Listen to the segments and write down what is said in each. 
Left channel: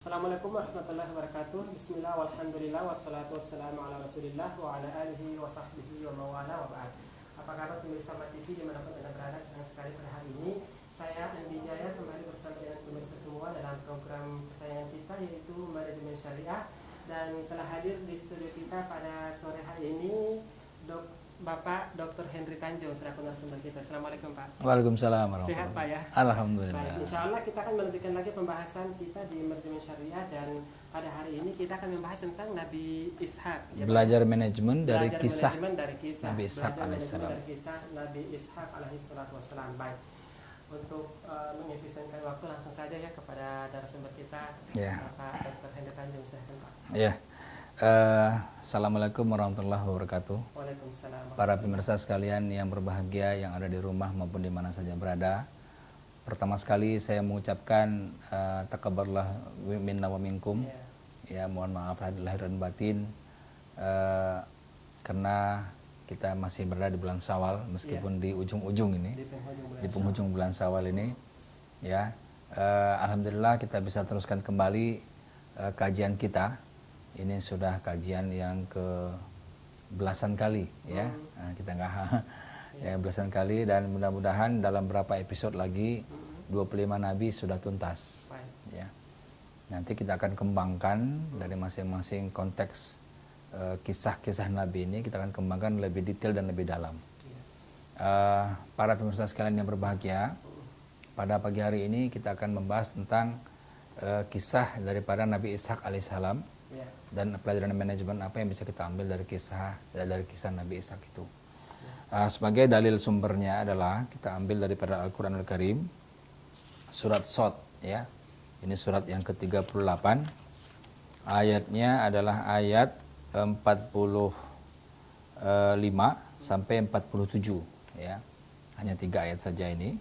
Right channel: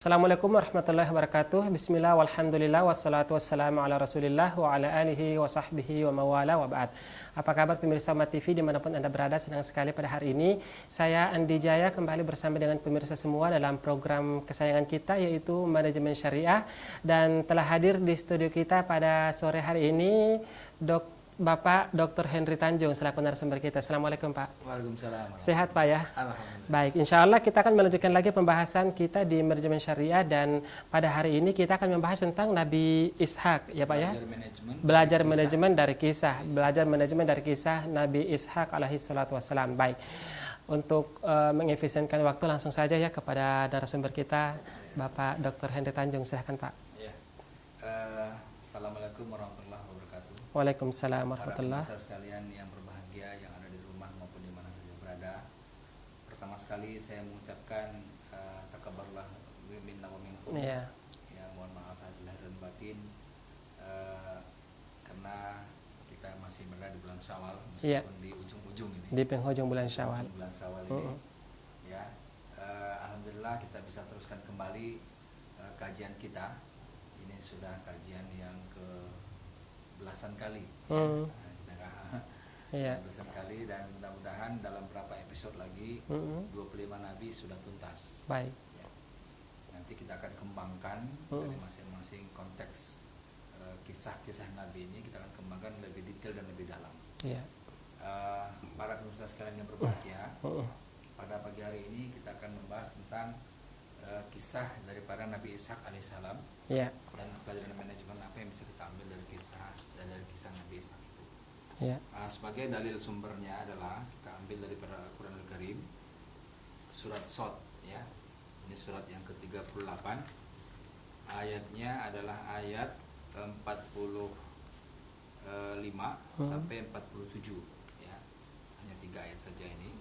Assalamualaikum warahmatullahi wabarakatuh. Bismillah walhamdulillah wassalatu wassalamu ala rasulillah wa ala alihi wa sahbihi wa mawala wa ba'd. Apa kabar pemirsa Umat TV dimanapun Anda berada? Senang sekali pada hari ini saya Andi Jaya kembali bersama dengan pemirsa semua dalam program kesayangan kita, yaitu Manajemen Syariah. Dan telah hadir di studio kita pada sore hari ini Bapak Dr. Henry Tanjung selaku narasumber kita. Assalamualaikum Pak. Waalaikumsalam. Sehat Pak ya? Alhamdulillah. Baik, insya Allah kita akan melanjutkan lagi pembahasan kita di Manajemen Syariah, dan pada hari ini kita akan membahas tentang Nabi Ishak. Ya, belajar Pak, ya? manajemen dari kisah. Belajar manajemen dari kisah Nabi Ishak alaihi salatu wassalam. Baik. Untuk mengefisienkan waktu, langsung saja ya kepada narasumber kita, Bapak Dr. Henry Tanjung. Silahkan Pak. Ya. Assalamualaikum warahmatullahi wabarakatuh. Waalaikumsalam Para warahmatullahi. pemirsa sekalian yang berbahagia, yang ada di rumah maupun di mana saja berada. Pertama sekali saya mengucapkan taqabbalallahu minna wa minkum. Ya, mohon maaf lahir dan batin karena kita masih berada di bulan Syawal meskipun di ujung-ujung ini. Di penghujung bulan Syawal. Ujung bulan Syawal ini. Ya. Alhamdulillah kita bisa teruskan kembali kajian kita. Ini sudah kajian yang ke belasan kali ya. Nah, kita nggak ya belasan kali, dan mudah-mudahan dalam beberapa episode lagi 25 nabi sudah tuntas. Baik. Ya. Nanti kita akan kembangkan dari masing-masing konteks kisah-kisah nabi ini, kita akan kembangkan lebih detail dan lebih dalam. Para pemirsa sekalian yang berbahagia, pada pagi hari ini kita akan membahas tentang kisah daripada Nabi Ishak alaihissalam. Dan pelajaran manajemen apa yang bisa kita ambil dari kisah Nabi Ishak itu. Sebagai dalil sumbernya adalah kita ambil daripada Al-Quran Al-Karim, surat Shad ya. Ini surat yang ke-38. Ayatnya adalah ayat 45 sampai 47 ya. Hanya 3 ayat saja ini.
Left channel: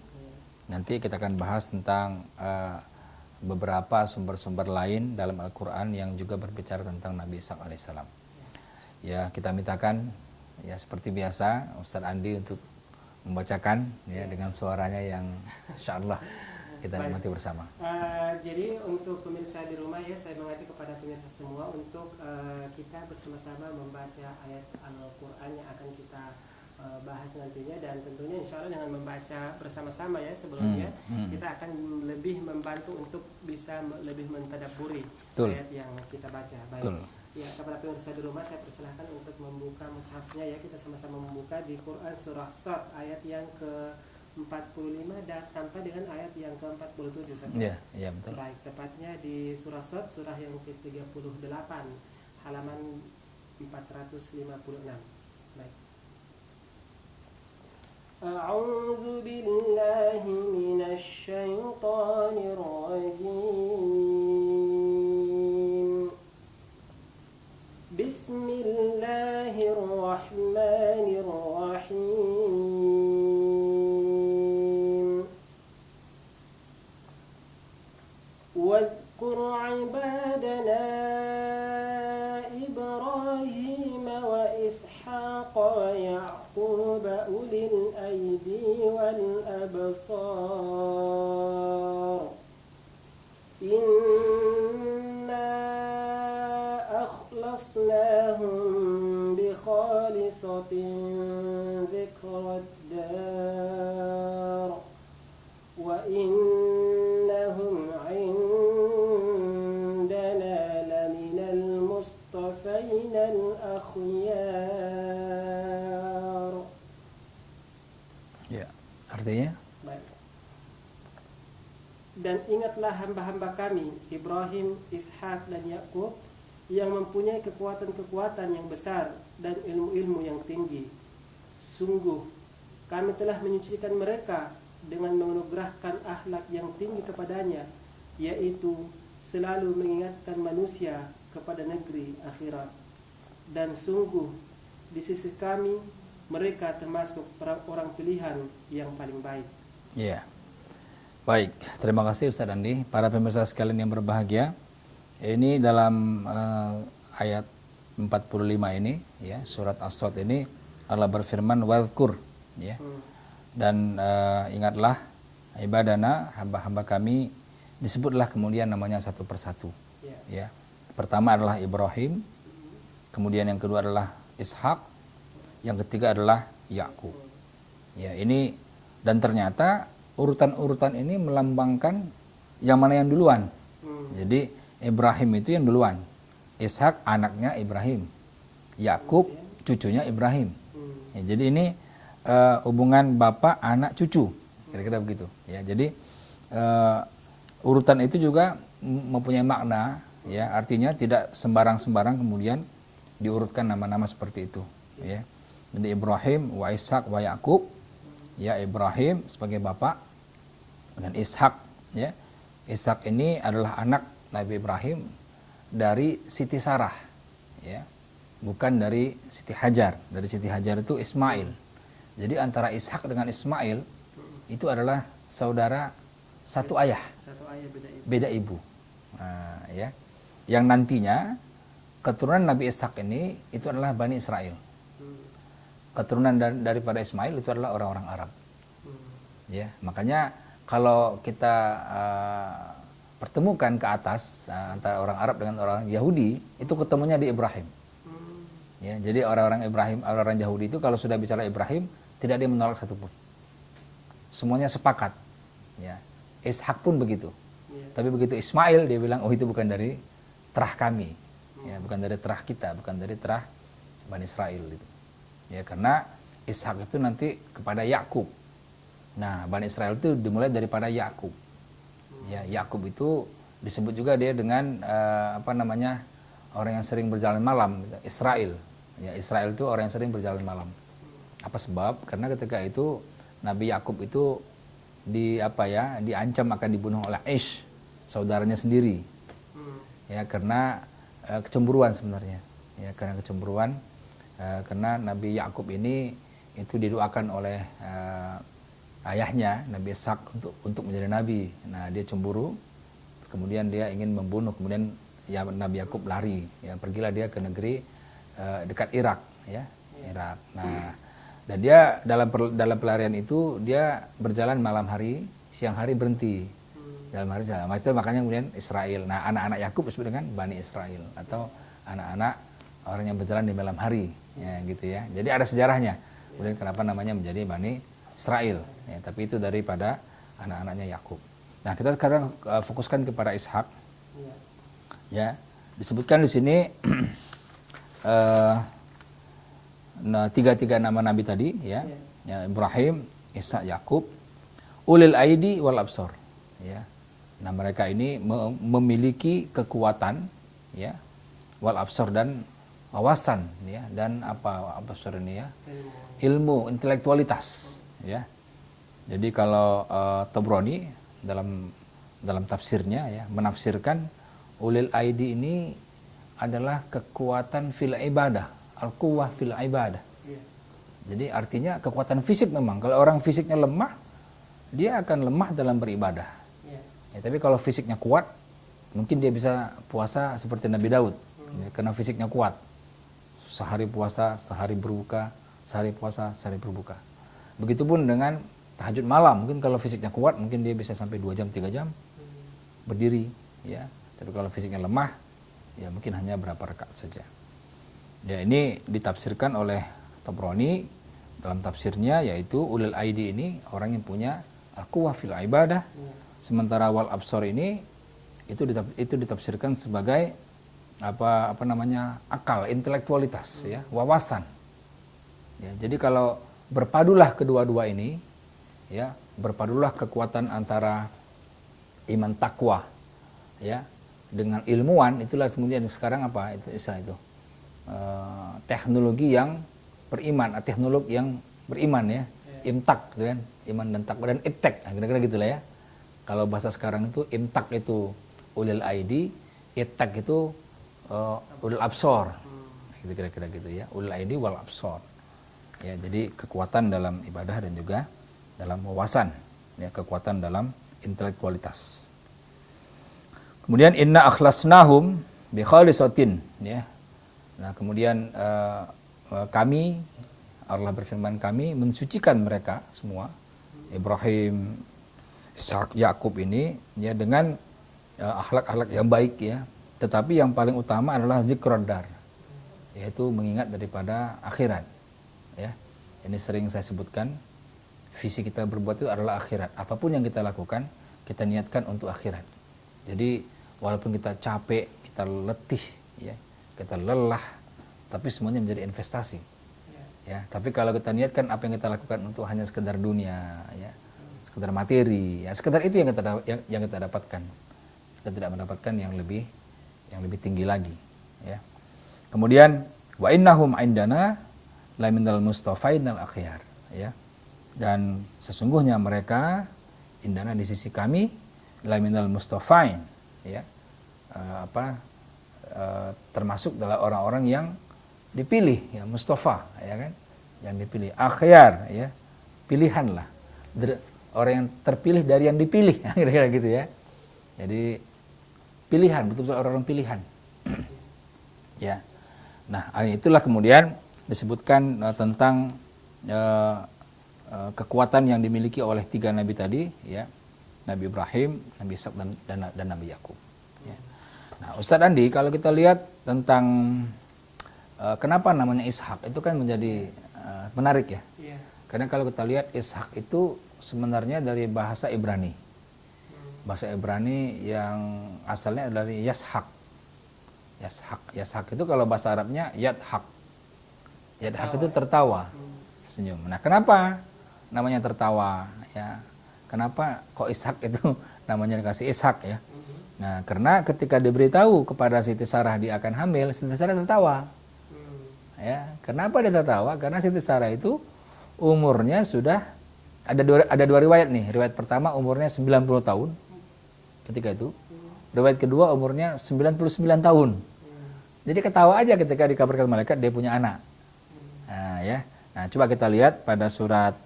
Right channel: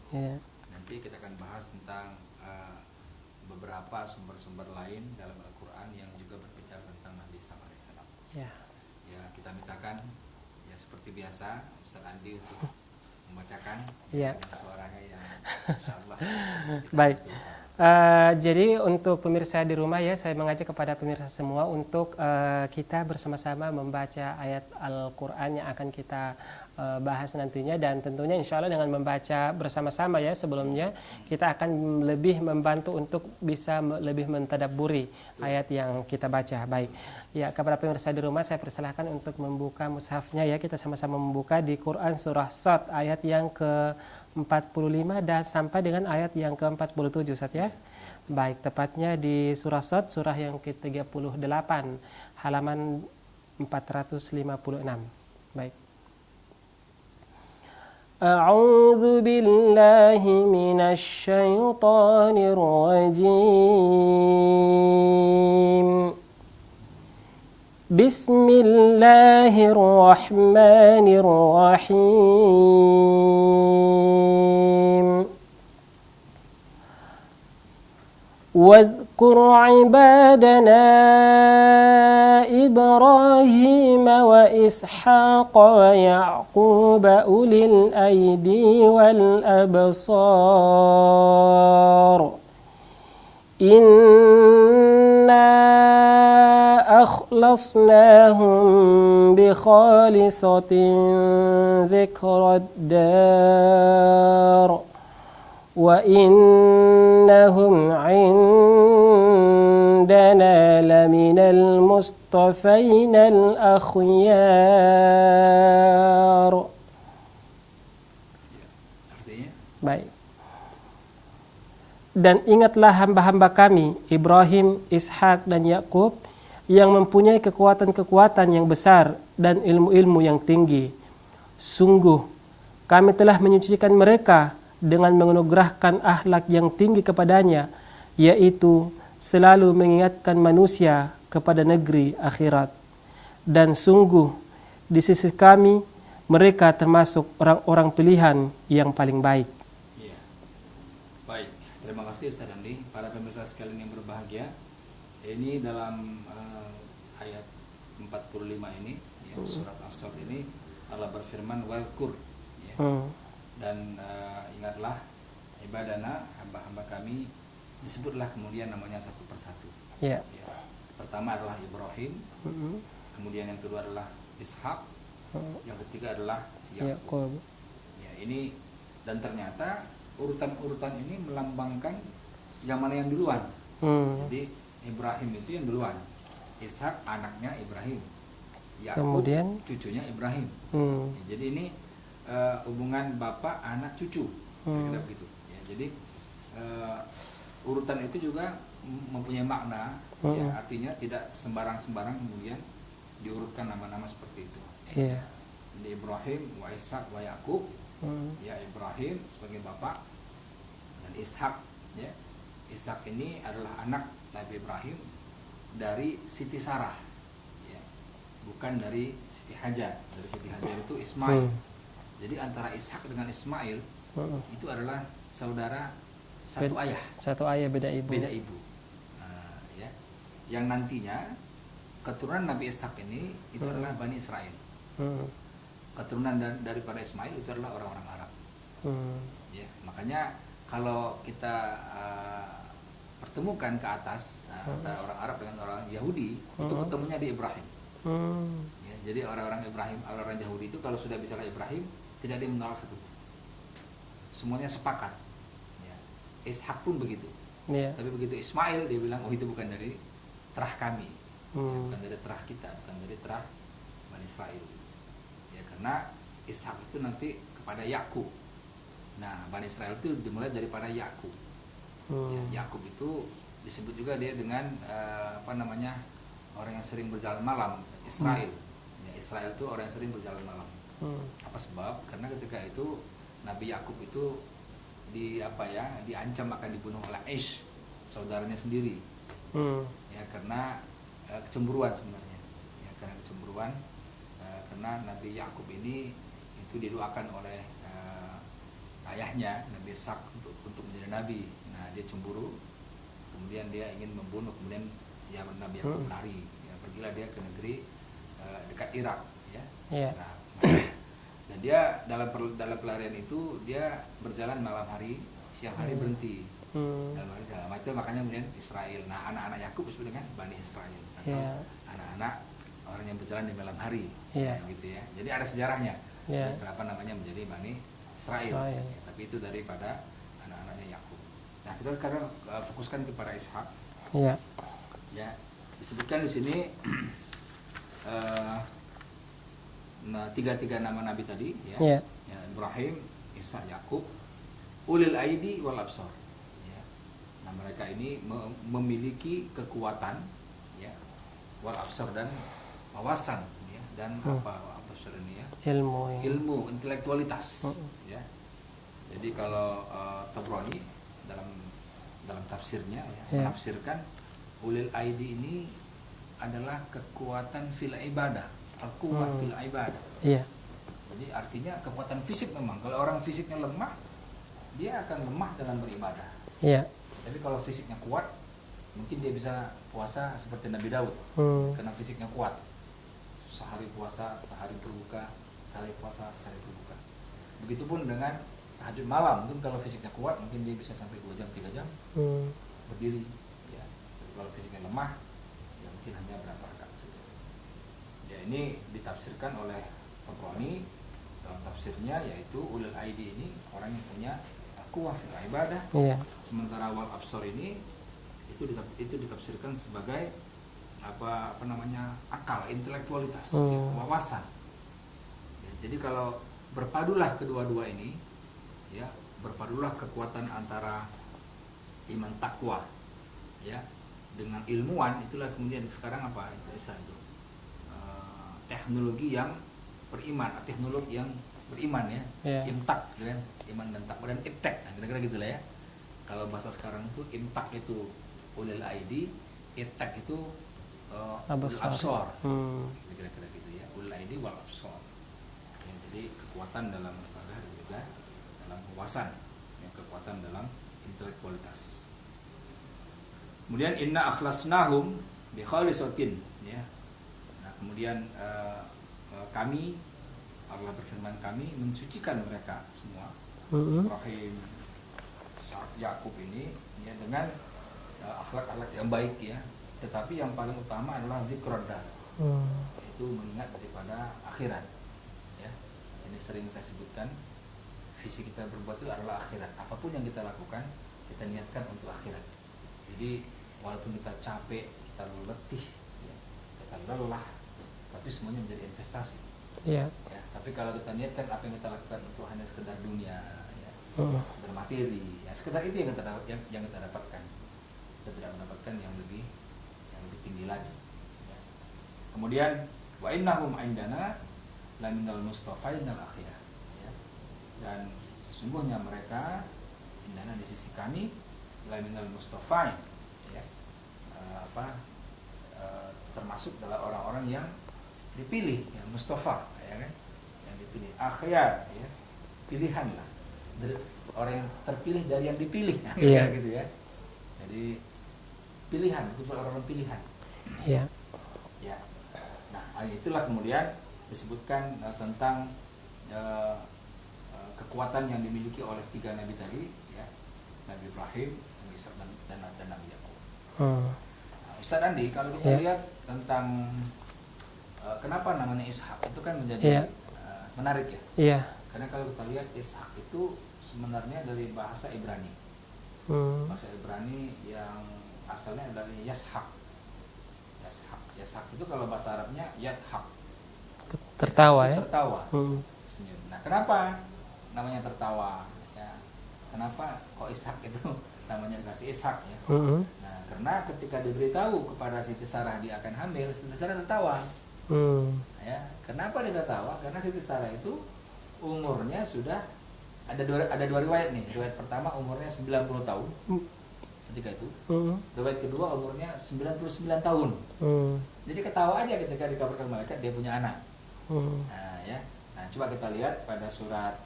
Nanti kita akan bahas tentang beberapa sumber-sumber lain dalam Al-Quran yang juga berbicara tentang Nabi Ishak alaihissalam. Ya, kita mintakan ya seperti biasa Ustadz Andi untuk membacakan dengan suaranya yang insyaallah kita nikmati bersama. Jadi untuk pemirsa di rumah ya, saya mengajak kepada pemirsa semua untuk kita bersama-sama membaca ayat Al-Quran yang akan kita bahas nantinya, dan tentunya insya Allah dengan membaca bersama-sama ya sebelumnya kita akan lebih membantu untuk bisa lebih mentadabburi ayat yang kita baca. Baik. Ya, kepada pemirsa di rumah saya persilahkan untuk membuka mushafnya ya, kita sama-sama membuka di Quran surah Shad ayat yang ke-45 dan sampai dengan ayat yang ke-47 Ustaz ya. Baik, tepatnya di surah Shad surah yang ke-38 halaman 456. Baik. أعوذ بالله من الشيطان الرجيم بسم الله الرحمن الرحيم واذكر عبادنا إبراهيم وإسحاق ويعقوب أولي الأيدي والأبصار إنا أخلصناهم بخالصة ذكر الدار وإنهم عندنا لمن المصطفين الأخيار. Ya, artinya? Baik. Dan ingatlah hamba-hamba kami Ibrahim, Ishak dan Yakub yang mempunyai kekuatan-kekuatan yang besar dan ilmu-ilmu yang tinggi. Sungguh kami telah menyucikan mereka dengan menganugerahkan akhlak yang tinggi kepadanya, yaitu selalu mengingatkan manusia kepada negeri akhirat. Dan sungguh di sisi kami mereka termasuk orang-orang pilihan yang paling baik. Ya. Baik, terima kasih Ustadz Andi. Para pemirsa sekalian yang berbahagia, ini dalam ayat 45 ini ya, surat As-Shad ini Allah berfirman wadhkur ya. Dan ingatlah ibadana, hamba-hamba kami, disebutlah kemudian namanya satu persatu. Ya. Ya. Pertama adalah Ibrahim, kemudian yang kedua adalah Ishak, yang ketiga adalah Yakub. Ya, ini dan ternyata urutan-urutan ini melambangkan yang mana yang duluan. Jadi Ibrahim itu yang duluan, Ishak anaknya Ibrahim, Yakub cucunya Ibrahim. Ya, jadi ini hubungan bapak anak cucu, kira-kira begitu. Ya, jadi urutan itu juga mempunyai makna. Ya, artinya tidak sembarang-sembarang kemudian diurutkan nama-nama seperti itu. Ya. Jadi Ibrahim wa Ishak wa Yakub. Ya, Ibrahim sebagai bapak dan Ishak. Ya, Ishak ini adalah anak Nabi Ibrahim dari Siti Sarah. Ya, bukan dari Siti Hajar. Dari Siti Hajar itu Ismail. Jadi antara Ishak dengan Ismail itu adalah saudara satu ayah. Satu ayah beda ibu. Beda ibu. Nah, ya. Yang nantinya keturunan Nabi Ishak ini itu adalah Bani Israel. Keturunan daripada Ismail itu adalah orang-orang Arab. Ya, makanya kalau kita pertemukan ke atas antara orang Arab dengan orang Yahudi, itu ketemunya di Ibrahim. Ya, jadi orang-orang Ibrahim, orang-orang Yahudi itu kalau sudah bicara Ibrahim, tidak ada yang menolak satupun. Semuanya sepakat. Ya. Ishak pun begitu. Tapi begitu Ismail dia bilang, oh itu bukan dari terah kami, ya, bukan dari terah kita, bukan dari terah Bani Israel. Gitu. Ya, karena Ishak itu nanti kepada Yakub. Nah, Bani Israel itu dimulai daripada Yakub. Ya, Yakub itu disebut juga dia dengan orang yang sering berjalan malam, Israel. Ya, Israel itu orang yang sering berjalan malam. Apa sebab? Karena ketika itu Nabi Yakub itu diancam akan dibunuh oleh Ish, saudaranya sendiri. Ya, karena kecemburuan sebenarnya. Ya, karena kecemburuan, karena Nabi Yakub ini itu didoakan oleh ayahnya Nabi Ishak untuk menjadi nabi. Nah, dia cemburu, kemudian dia ingin membunuh, kemudian ya Nabi Yakub lari. Ya, pergilah dia ke negeri dekat Irak, ya. Irak. Nah, dan dia dalam pelarian itu dia berjalan malam hari, siang hari berhenti. Dalam hari jalan. Itu makanya kemudian Israel. Nah, anak-anak Yakub disebut dengan Bani Israel atau anak-anak orang yang berjalan di malam hari, ya, gitu ya. Jadi ada sejarahnya. Kemudian kenapa namanya menjadi Bani Israel. Ya, tapi itu daripada anak-anaknya Yakub. Nah, kita sekarang fokuskan kepada Ishak. Ya, disebutkan di sini tiga nama nabi tadi, ya. Ya, Ibrahim, Ishak, Yakub, ulil aidi wal absor. Ya. Nah, mereka ini memiliki kekuatan, ya, wal absor dan wawasan, ya, dan apa absor ini, ya, ilmu intelektualitas, ya. Jadi kalau Tabrani dalam tafsirnya, ya, menafsirkan ulil aidi ini adalah kekuatan fil ibadah, al-quwwah fil ibadah. Jadi artinya kekuatan fisik memang. Kalau orang fisiknya lemah, dia akan lemah dalam beribadah. Ya, tapi kalau fisiknya kuat, mungkin dia bisa puasa seperti Nabi Daud, ya, karena fisiknya kuat. Sehari puasa, sehari berbuka, sehari puasa, sehari berbuka. Begitupun dengan tahajud malam. Mungkin kalau fisiknya kuat, mungkin dia bisa sampai 2 jam, 3 jam berdiri. Ya. Tapi kalau fisiknya lemah, ya mungkin hanya berapa rakaat saja. Ya, ini ditafsirkan oleh Tabrani dalam tafsirnya, yaitu ulil aidi ini orang yang punya quwwah fil ibadah. Sementara wal absor ini itu ditafsirkan sebagai akal, intelektualitas, ya, wawasan. Ya, jadi kalau berpadulah kedua-dua ini, ya, berpadulah kekuatan antara iman takwa, ya, dengan ilmuwan, itulah kemudian sekarang apa itu istilah itu, teknologi yang beriman, teknologi yang beriman, ya, imtak, kan, iman dan takwa, dan iptek, kira-kira gitulah, ya. Kalau bahasa sekarang itu imtak itu ulil aidi, iptek itu ulil absor, gitu, kira-kira gitu, ya, ulil aidi wal absor. Ya, jadi kekuatan dalam ibadah dan juga dalam wawasan, ya, kekuatan dalam intelektualitas. Kemudian inna akhlasnahum bi khalisatin, ya. Nah, kemudian kami, Allah berfirman, kami mensucikan mereka semua, Ibrahim, Ishak, Yakub ini, ya, dengan akhlak-akhlak yang baik, ya, tetapi yang paling utama adalah zikrud dar, yaitu mengingat daripada akhirat. Ya, ini sering saya sebutkan, visi kita berbuat itu adalah akhirat. Apapun yang kita lakukan, kita niatkan untuk akhirat. Jadi walaupun kita capek, kita letih, ya, kita lelah, tapi semuanya menjadi investasi. Ya, tapi kalau kita niatkan apa yang kita lakukan untuk hanya sekedar dunia, ya, sekedar materi, ya, sekedar itu yang kita dapatkan. Kita tidak mendapatkan yang lebih tinggi lagi. Ya. Kemudian wa innahum indana la minal mustafainal akhyar. Ya. Dan sesungguhnya mereka indana di sisi kami la minal mustafain. Ya. Termasuk adalah orang-orang yang dipilih, ya, Mustafa, ya kan, yang dipilih, akhyar, ya, pilihan lah, orang yang terpilih dari yang dipilih, kira-kira gitu ya. Jadi pilihan, betul-betul orang-orang pilihan. Ya. Ya. Nah, itulah kemudian disebutkan tentang kekuatan yang dimiliki oleh 3 nabi tadi, ya, Nabi Ibrahim, Nabi Ishak dan Nabi Yakub. Nah, Ustadz Andi, kalau kita lihat tentang kenapa namanya Ishak, itu kan menjadi menarik ya. Iya. Karena kalau kita lihat Ishak itu sebenarnya dari bahasa Ibrani. Bahasa Ibrani yang asalnya dari Yashak. Yashak itu kalau bahasa Arabnya Yadhak. Tertawa, itu tertawa. Senyum. Nah, kenapa namanya tertawa? Ya. Kenapa kok Ishak itu namanya dikasih Ishak, ya? Nah, karena ketika diberitahu kepada Siti Sarah dia akan hamil, Siti Sarah tertawa. Ya, kenapa dia tertawa? Karena Siti Sarah itu umurnya sudah ada dua riwayat nih. Riwayat pertama umurnya 90 tahun ketika itu. Riwayat kedua umurnya 99 tahun. Jadi ketawa aja ketika dikabarkan malaikat dia punya anak. Nah, ya. Nah, coba kita lihat pada surat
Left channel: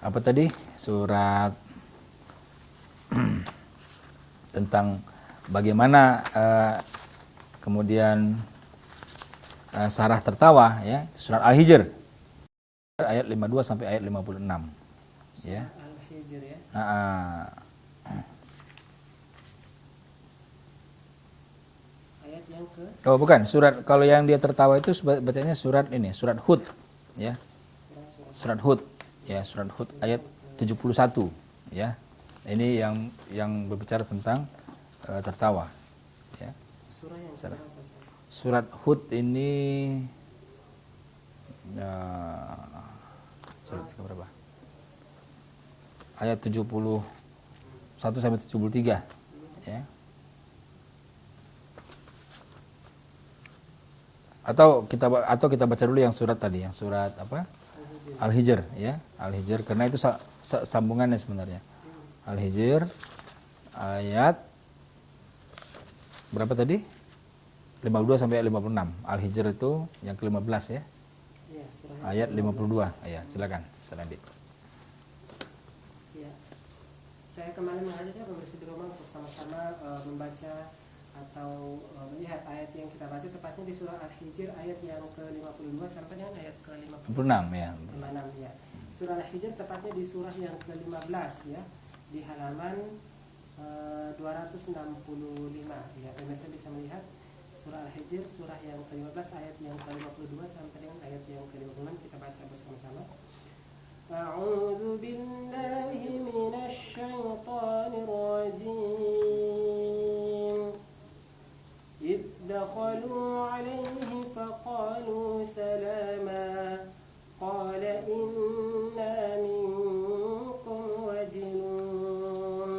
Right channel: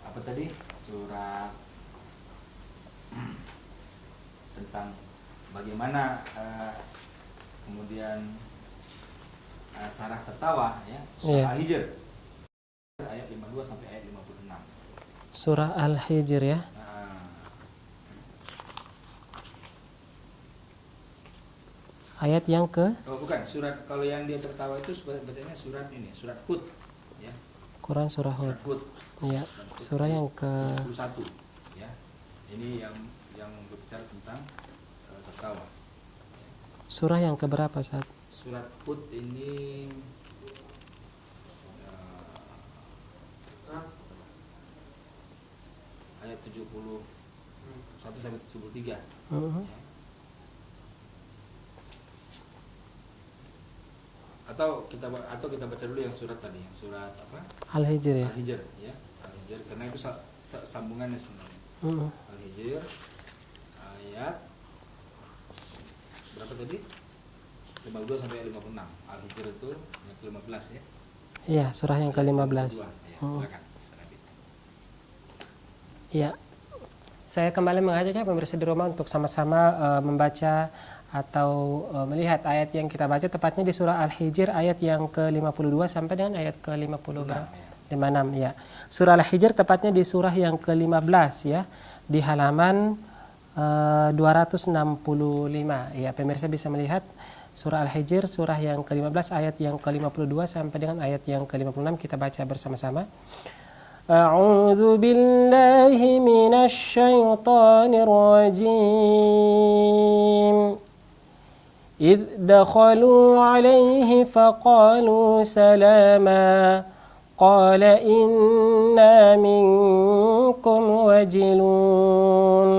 apa tadi? Surat tentang bagaimana kemudian Sarah tertawa, ya, surah Al-Hijr ayat 52 sampai ayat 56. Surah Al-Hijr, ya. Ayat yang ke? Oh, bukan, surat, kalau yang dia tertawa itu bacanya surat ini, surat Hud, ya. Quran surah Hud. Surat Hud. Ya, surat Hud surah ayat ke 71, ya. Ini yang berbicara tentang tertawa, ya. Surah yang keberapa, Ustaz? Surat Hud ini berapa? Ayat 71 sampai 73, ya. Atau kita baca dulu yang surat tadi, yang surat apa? Al-Hijr. Ya? Al-Hijr, ya. Al-Hijr karena itu sambungannya sebenarnya. Al-Hijr ayat berapa tadi? 52 sampai 56. Al-Hijr itu yang ke-15, ya. Iya, surah yang ke-15. Ya, silakan, Ustaz. Iya. Saya kembali mengajaknya pemirsa di rumah untuk sama-sama membaca atau melihat ayat yang kita baca, tepatnya di surah Al-Hijr ayat yang ke-52 sampai dengan ayat ke-56. 56, ya. Surah Al-Hijr tepatnya di surah yang ke-15, ya, di halaman 265. Ya, pemirsa bisa melihat surah Al-Hijr surah yang ke-15 ayat yang ke-52 sampai dengan ayat yang ke-56. Kita baca bersama-sama. A'udzu billahi minasy syaithanir rajim. إذ دخلوا عليه فقالوا سلاما قال إنا منكم وجلون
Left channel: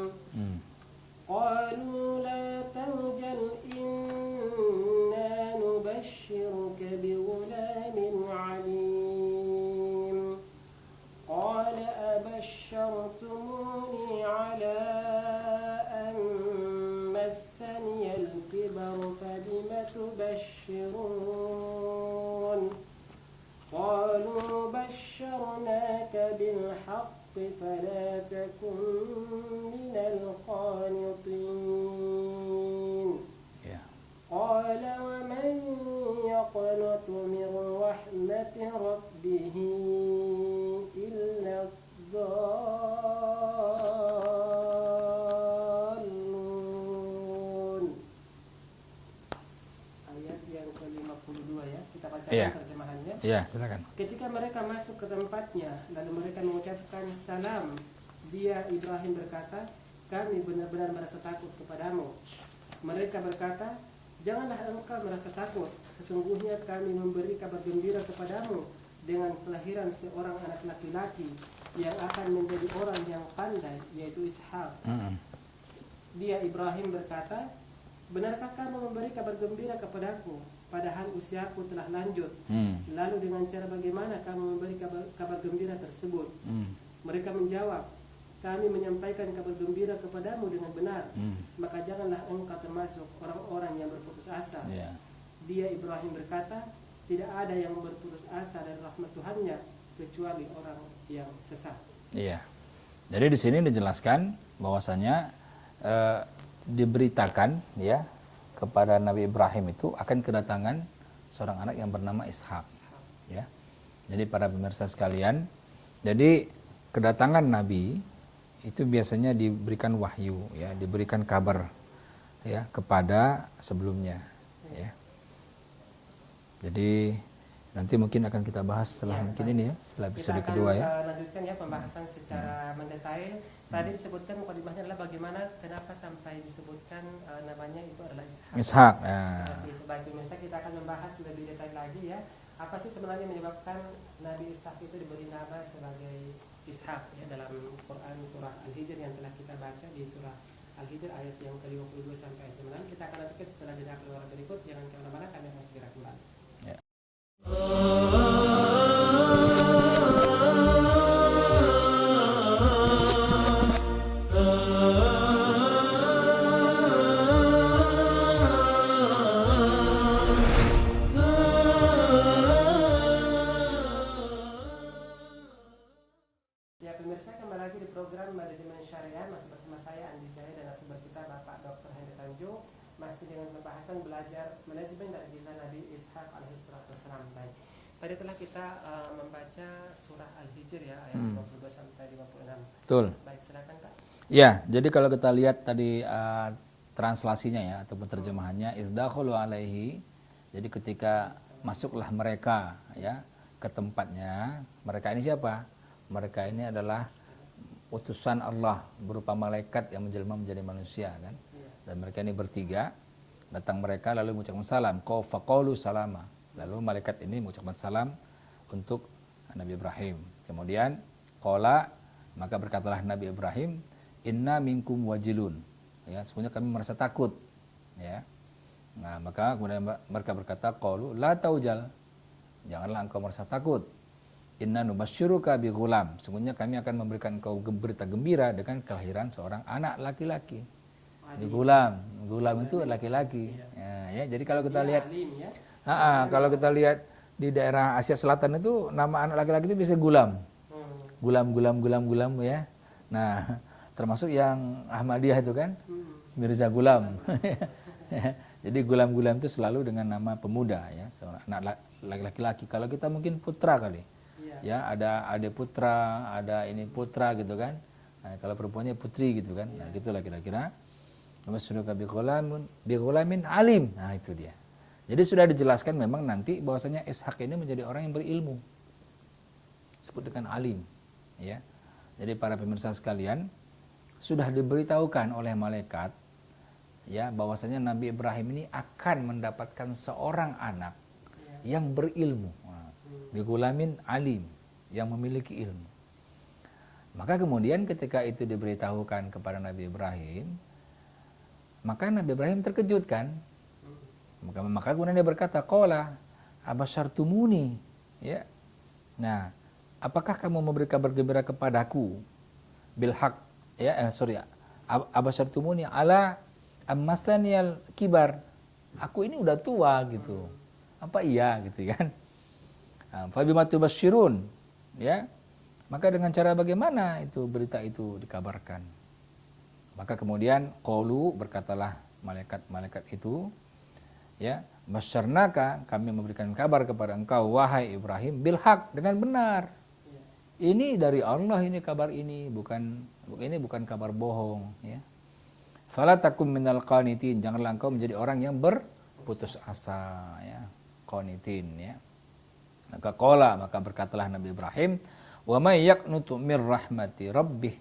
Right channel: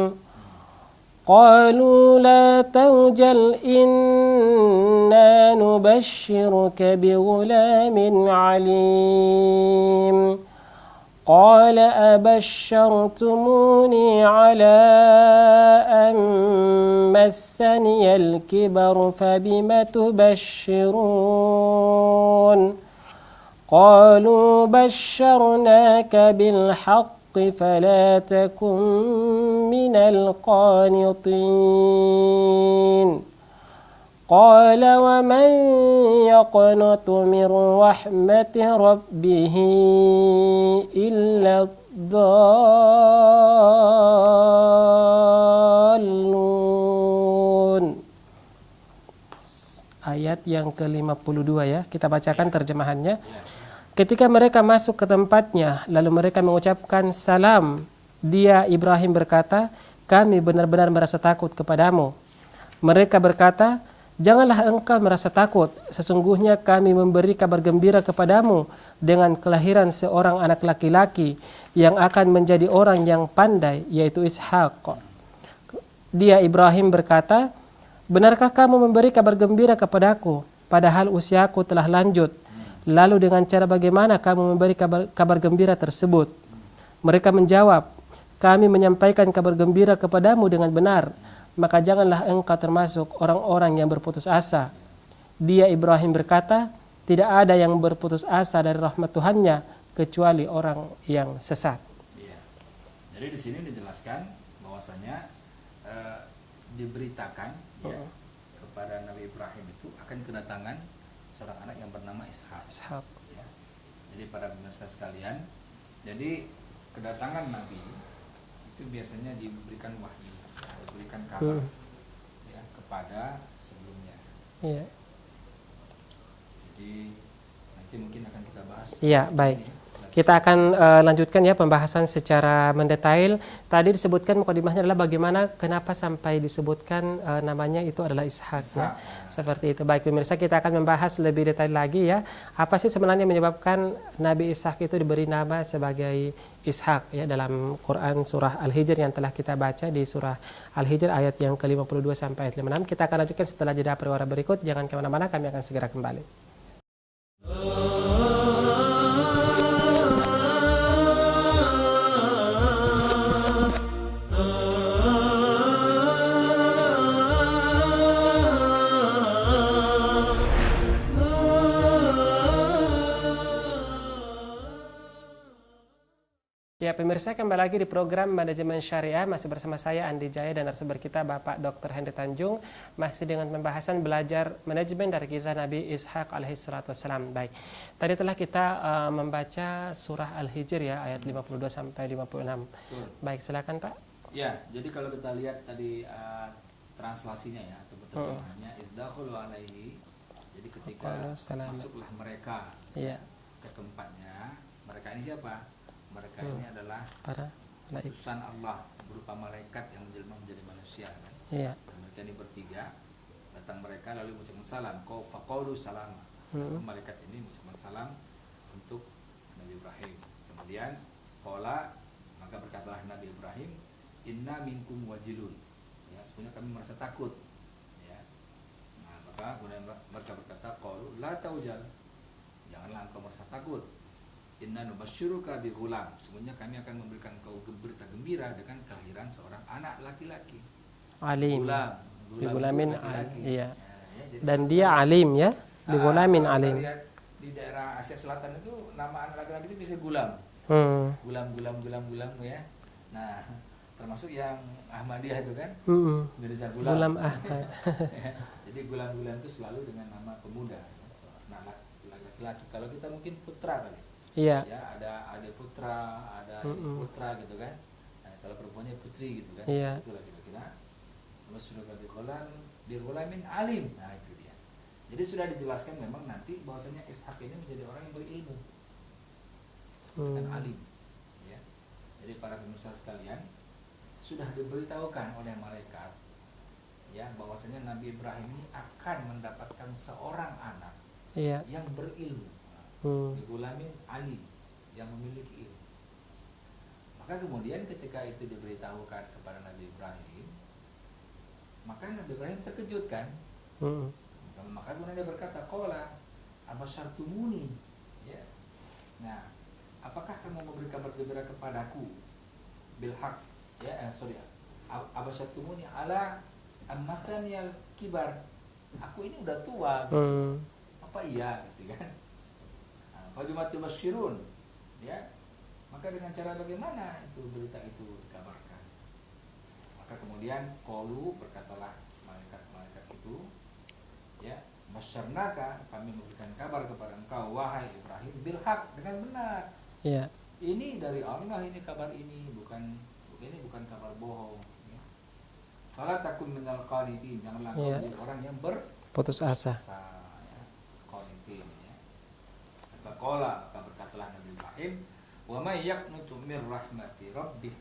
قالوا لا توجل إنا نبشرك بغلام عليم قال أبشرتموني على أن مسني الكبر فبم تبشرون قالوا بشرناك بالحق فلا تكن من القانطين قال ومن يقنط من رحمة ربه إلا الضالون. ayat yang ke-52 ya. Kita bacakan terjemahannya. Silakan. Ketika mereka masuk ke tempatnya, lalu mereka mengucapkan salam. Dia Ibrahim berkata, kami benar-benar merasa takut kepadamu. Mereka berkata, janganlah engkau merasa takut. Sesungguhnya kami memberi kabar gembira kepadamu dengan kelahiran seorang anak laki-laki yang akan menjadi orang yang pandai, yaitu Ishak. Dia Ibrahim berkata, benarkah kamu memberi kabar gembira kepadaku, padahal usiaku telah lanjut? Lalu dengan cara bagaimana kamu memberi kabar gembira tersebut? Mereka menjawab, kami menyampaikan kabar gembira kepadamu dengan benar, maka janganlah engkau termasuk orang-orang yang berputus asa. Dia Ibrahim berkata, tidak ada yang berputus asa dari rahmat Tuhannya kecuali orang yang sesat. Iya. Jadi di sini dijelaskan bahwasanya diberitakan ya kepada Nabi Ibrahim itu akan kedatangan seorang anak yang bernama Ishak. Ya. Jadi para pemirsa sekalian, jadi kedatangan Nabi itu biasanya diberikan wahyu, ya, diberikan kabar ya kepada sebelumnya. Ya. Jadi nanti mungkin akan kita bahas. Iya, baik. Ini ya, kita akan lanjutkan ya pembahasan secara mendetail. Tadi disebutkan mukadimahnya adalah bagaimana kenapa sampai disebutkan namanya itu adalah Ishak. Seperti itu. Baik pemirsa, kita akan membahas lebih detail lagi ya. Apa sih sebenarnya menyebabkan Nabi Ishak itu diberi nama sebagai Ishak ya dalam Quran surah Al-Hijr yang telah kita baca di surah Al-Hijr ayat yang ke-52 sampai ayat 56. Kita akan lanjutkan setelah jeda perwara berikut. Jangan kemana-mana, kami akan segera kembali. Ya pemirsa, kembali lagi di program Manajemen Syariah, masih bersama saya Andi Jaya dan narasumber kita Bapak Dr. Hendy Tanjung, masih dengan pembahasan belajar manajemen dari kisah Nabi Ishak alaihi salatu wassalam. Baik, tadi telah kita membaca surah Al-Hijr ya ayat 52 sampai 56. Betul. Baik, silakan Pak. Ya, jadi kalau kita lihat tadi translasinya ya atau terjemahannya isdakhulu alaihi. Jadi ketika masuklah mereka ya ke tempatnya, mereka ini siapa? Mereka ini adalah utusan Allah berupa malaikat yang menjelma menjadi manusia kan. Dan mereka ini bertiga, datang mereka lalu mengucapkan salam, faqaulu salama. Lalu malaikat ini mengucapkan salam untuk Nabi Ibrahim. Kemudian qala, maka berkatalah Nabi Ibrahim, inna minkum wajilun. Ya, sebenarnya kami merasa takut. Ya. Nah, maka kemudian mereka berkata, qalu la taujal. Janganlah engkau merasa takut. Inna nubasyyiruka bi ghulam. Sesungguhnya kami akan memberikan engkau berita gembira dengan kelahiran seorang anak laki-laki. Alim. Gulam itu laki-laki. Iya. Ya, jadi dan dia lihat, alim ya. Kalau kita lihat di daerah Asia Selatan itu nama anak laki-laki itu bisa gulam. Gulam ya. Nah, termasuk yang Ahmadiyah itu kan, Mirza Gulam. Jadi gulam-gulam itu selalu dengan nama pemuda ya, seorang anak laki-laki. Kalau kita mungkin putra kali. Iya. Ya, ada adik putra, ada ini putra gitu kan. Nah, kalau perempuannya putri gitu kan. Iya. Itulah kira-kira. Masyruka bi ghulamin alim. Nah, itu dia. Jadi sudah dijelaskan memang nanti bahwasanya Ishak ini menjadi orang yang berilmu. Disebut dengan alim, ya. Jadi para pemirsa sekalian, sudah diberitahukan oleh malaikat ya bahwasanya Nabi Ibrahim ini akan mendapatkan seorang anak yang berilmu. Bigulamin alim, yang memiliki ilmu. Maka kemudian ketika itu diberitahukan kepada Nabi Ibrahim, maka Nabi Ibrahim terkejut kan. Maka kemudian dia berkata, qala abasyartumuni, ya. Nah, apakah kamu memberi kabar gembira kepadaku bil haq, ya, abasyartumuni ala ammasaniyal kibar. Aku ini udah tua gitu. Apa iya gitu kan? Fabima tubasyirun, ya. Maka dengan cara bagaimana itu berita itu dikabarkan? Maka kemudian qalu, berkatalah malaikat itu, ya, masyarnaka, kami memberikan kabar kepada engkau wahai Ibrahim bil haq, dengan benar. Ya. Ini dari Allah, ini kabar ini bukan kabar bohong, ya. Fala takum minal qanitin, janganlah engkau menjadi orang yang berputus asa. qanitin ya. Maka berkatalah Nabi Ibrahim, wa may yaqnutu mir rahmati rabbih,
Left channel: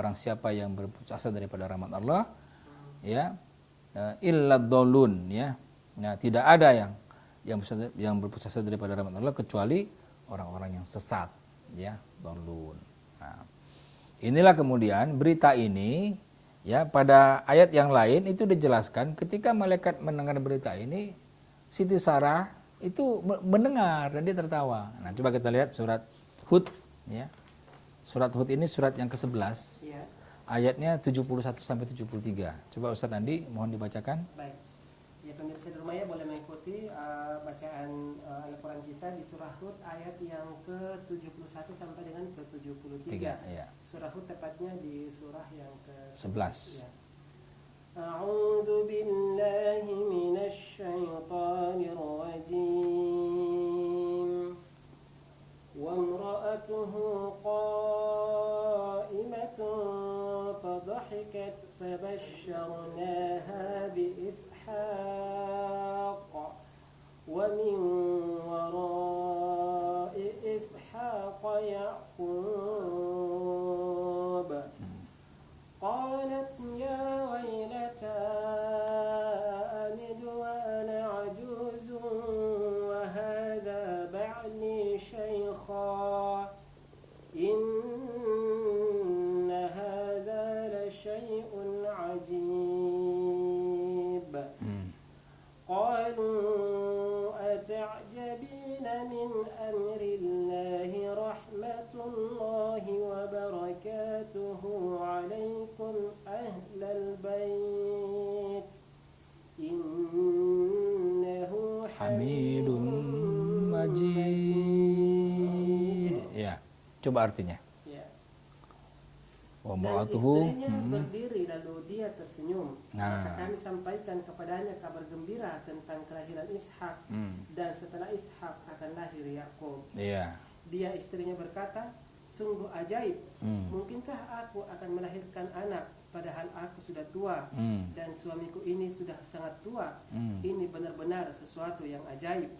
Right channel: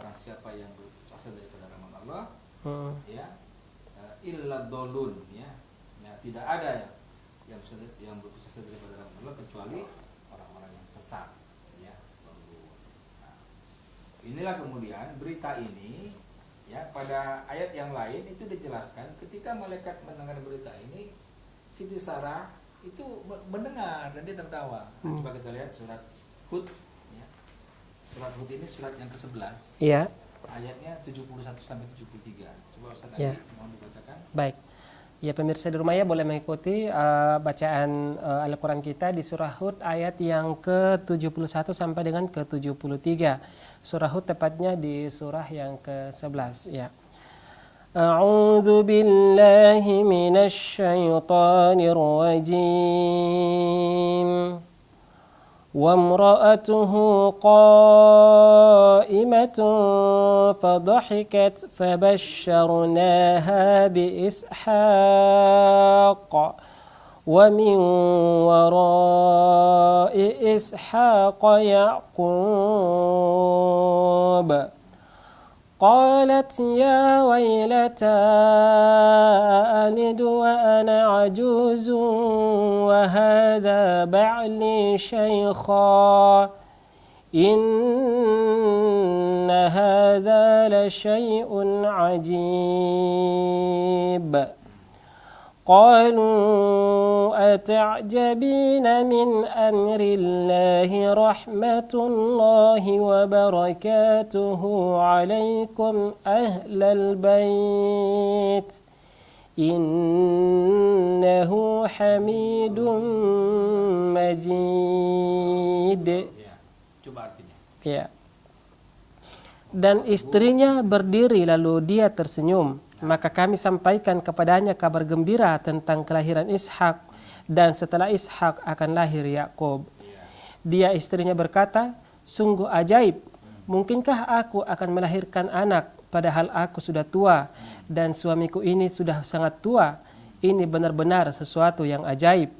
orang siapa yang berputus asa daripada rahmat Allah ya, illa dhalun ya. Nah, tidak ada yang berputus asa daripada rahmat Allah kecuali orang-orang yang sesat ya, dhalun. Nah, inilah kemudian berita ini ya, pada ayat yang lain itu dijelaskan ketika malaikat mendengar berita ini, Siti Sarah itu mendengar dan dia tertawa. Nah, coba kita lihat surat Hud ya. Surat Hud ini surat yang ke-11. Iya. Ayatnya 71 sampai 73. Coba Ustaz Andi mohon dibacakan. Baik. Ya, pemirsa di rumah ya boleh mengikuti bacaan Al-Qur'an kita di surah Hud ayat yang ke-71 sampai dengan ke-73. Ya. Surah Hud tepatnya di surah yang ke-11 ya. أعوذ بالله من الشيطان الرجيم وامرأته قائمة فضحكت فبشرناها بإسحاق ومن وراء إسحاق يعقوب قالت يا ويلتى ألد وأنا عجوز وهذا بعلي شيخا إن هذا لشيء عجيب قالوا أتعجبين من أمر الله رحمة الله وبركاته عليكم أهل البيت إنه حميد مجيد. Ya, coba artinya. Ya. Dan istrinya berdiri lalu dia tersenyum. Maka kami sampaikan kepadanya kabar gembira tentang kelahiran Ishak. Dan setelah Ishak akan lahir Yakub. Dia istrinya berkata, sungguh ajaib. Mungkinkah aku akan melahirkan anak padahal aku sudah tua dan suamiku ini sudah sangat tua. Ini benar-benar sesuatu yang ajaib.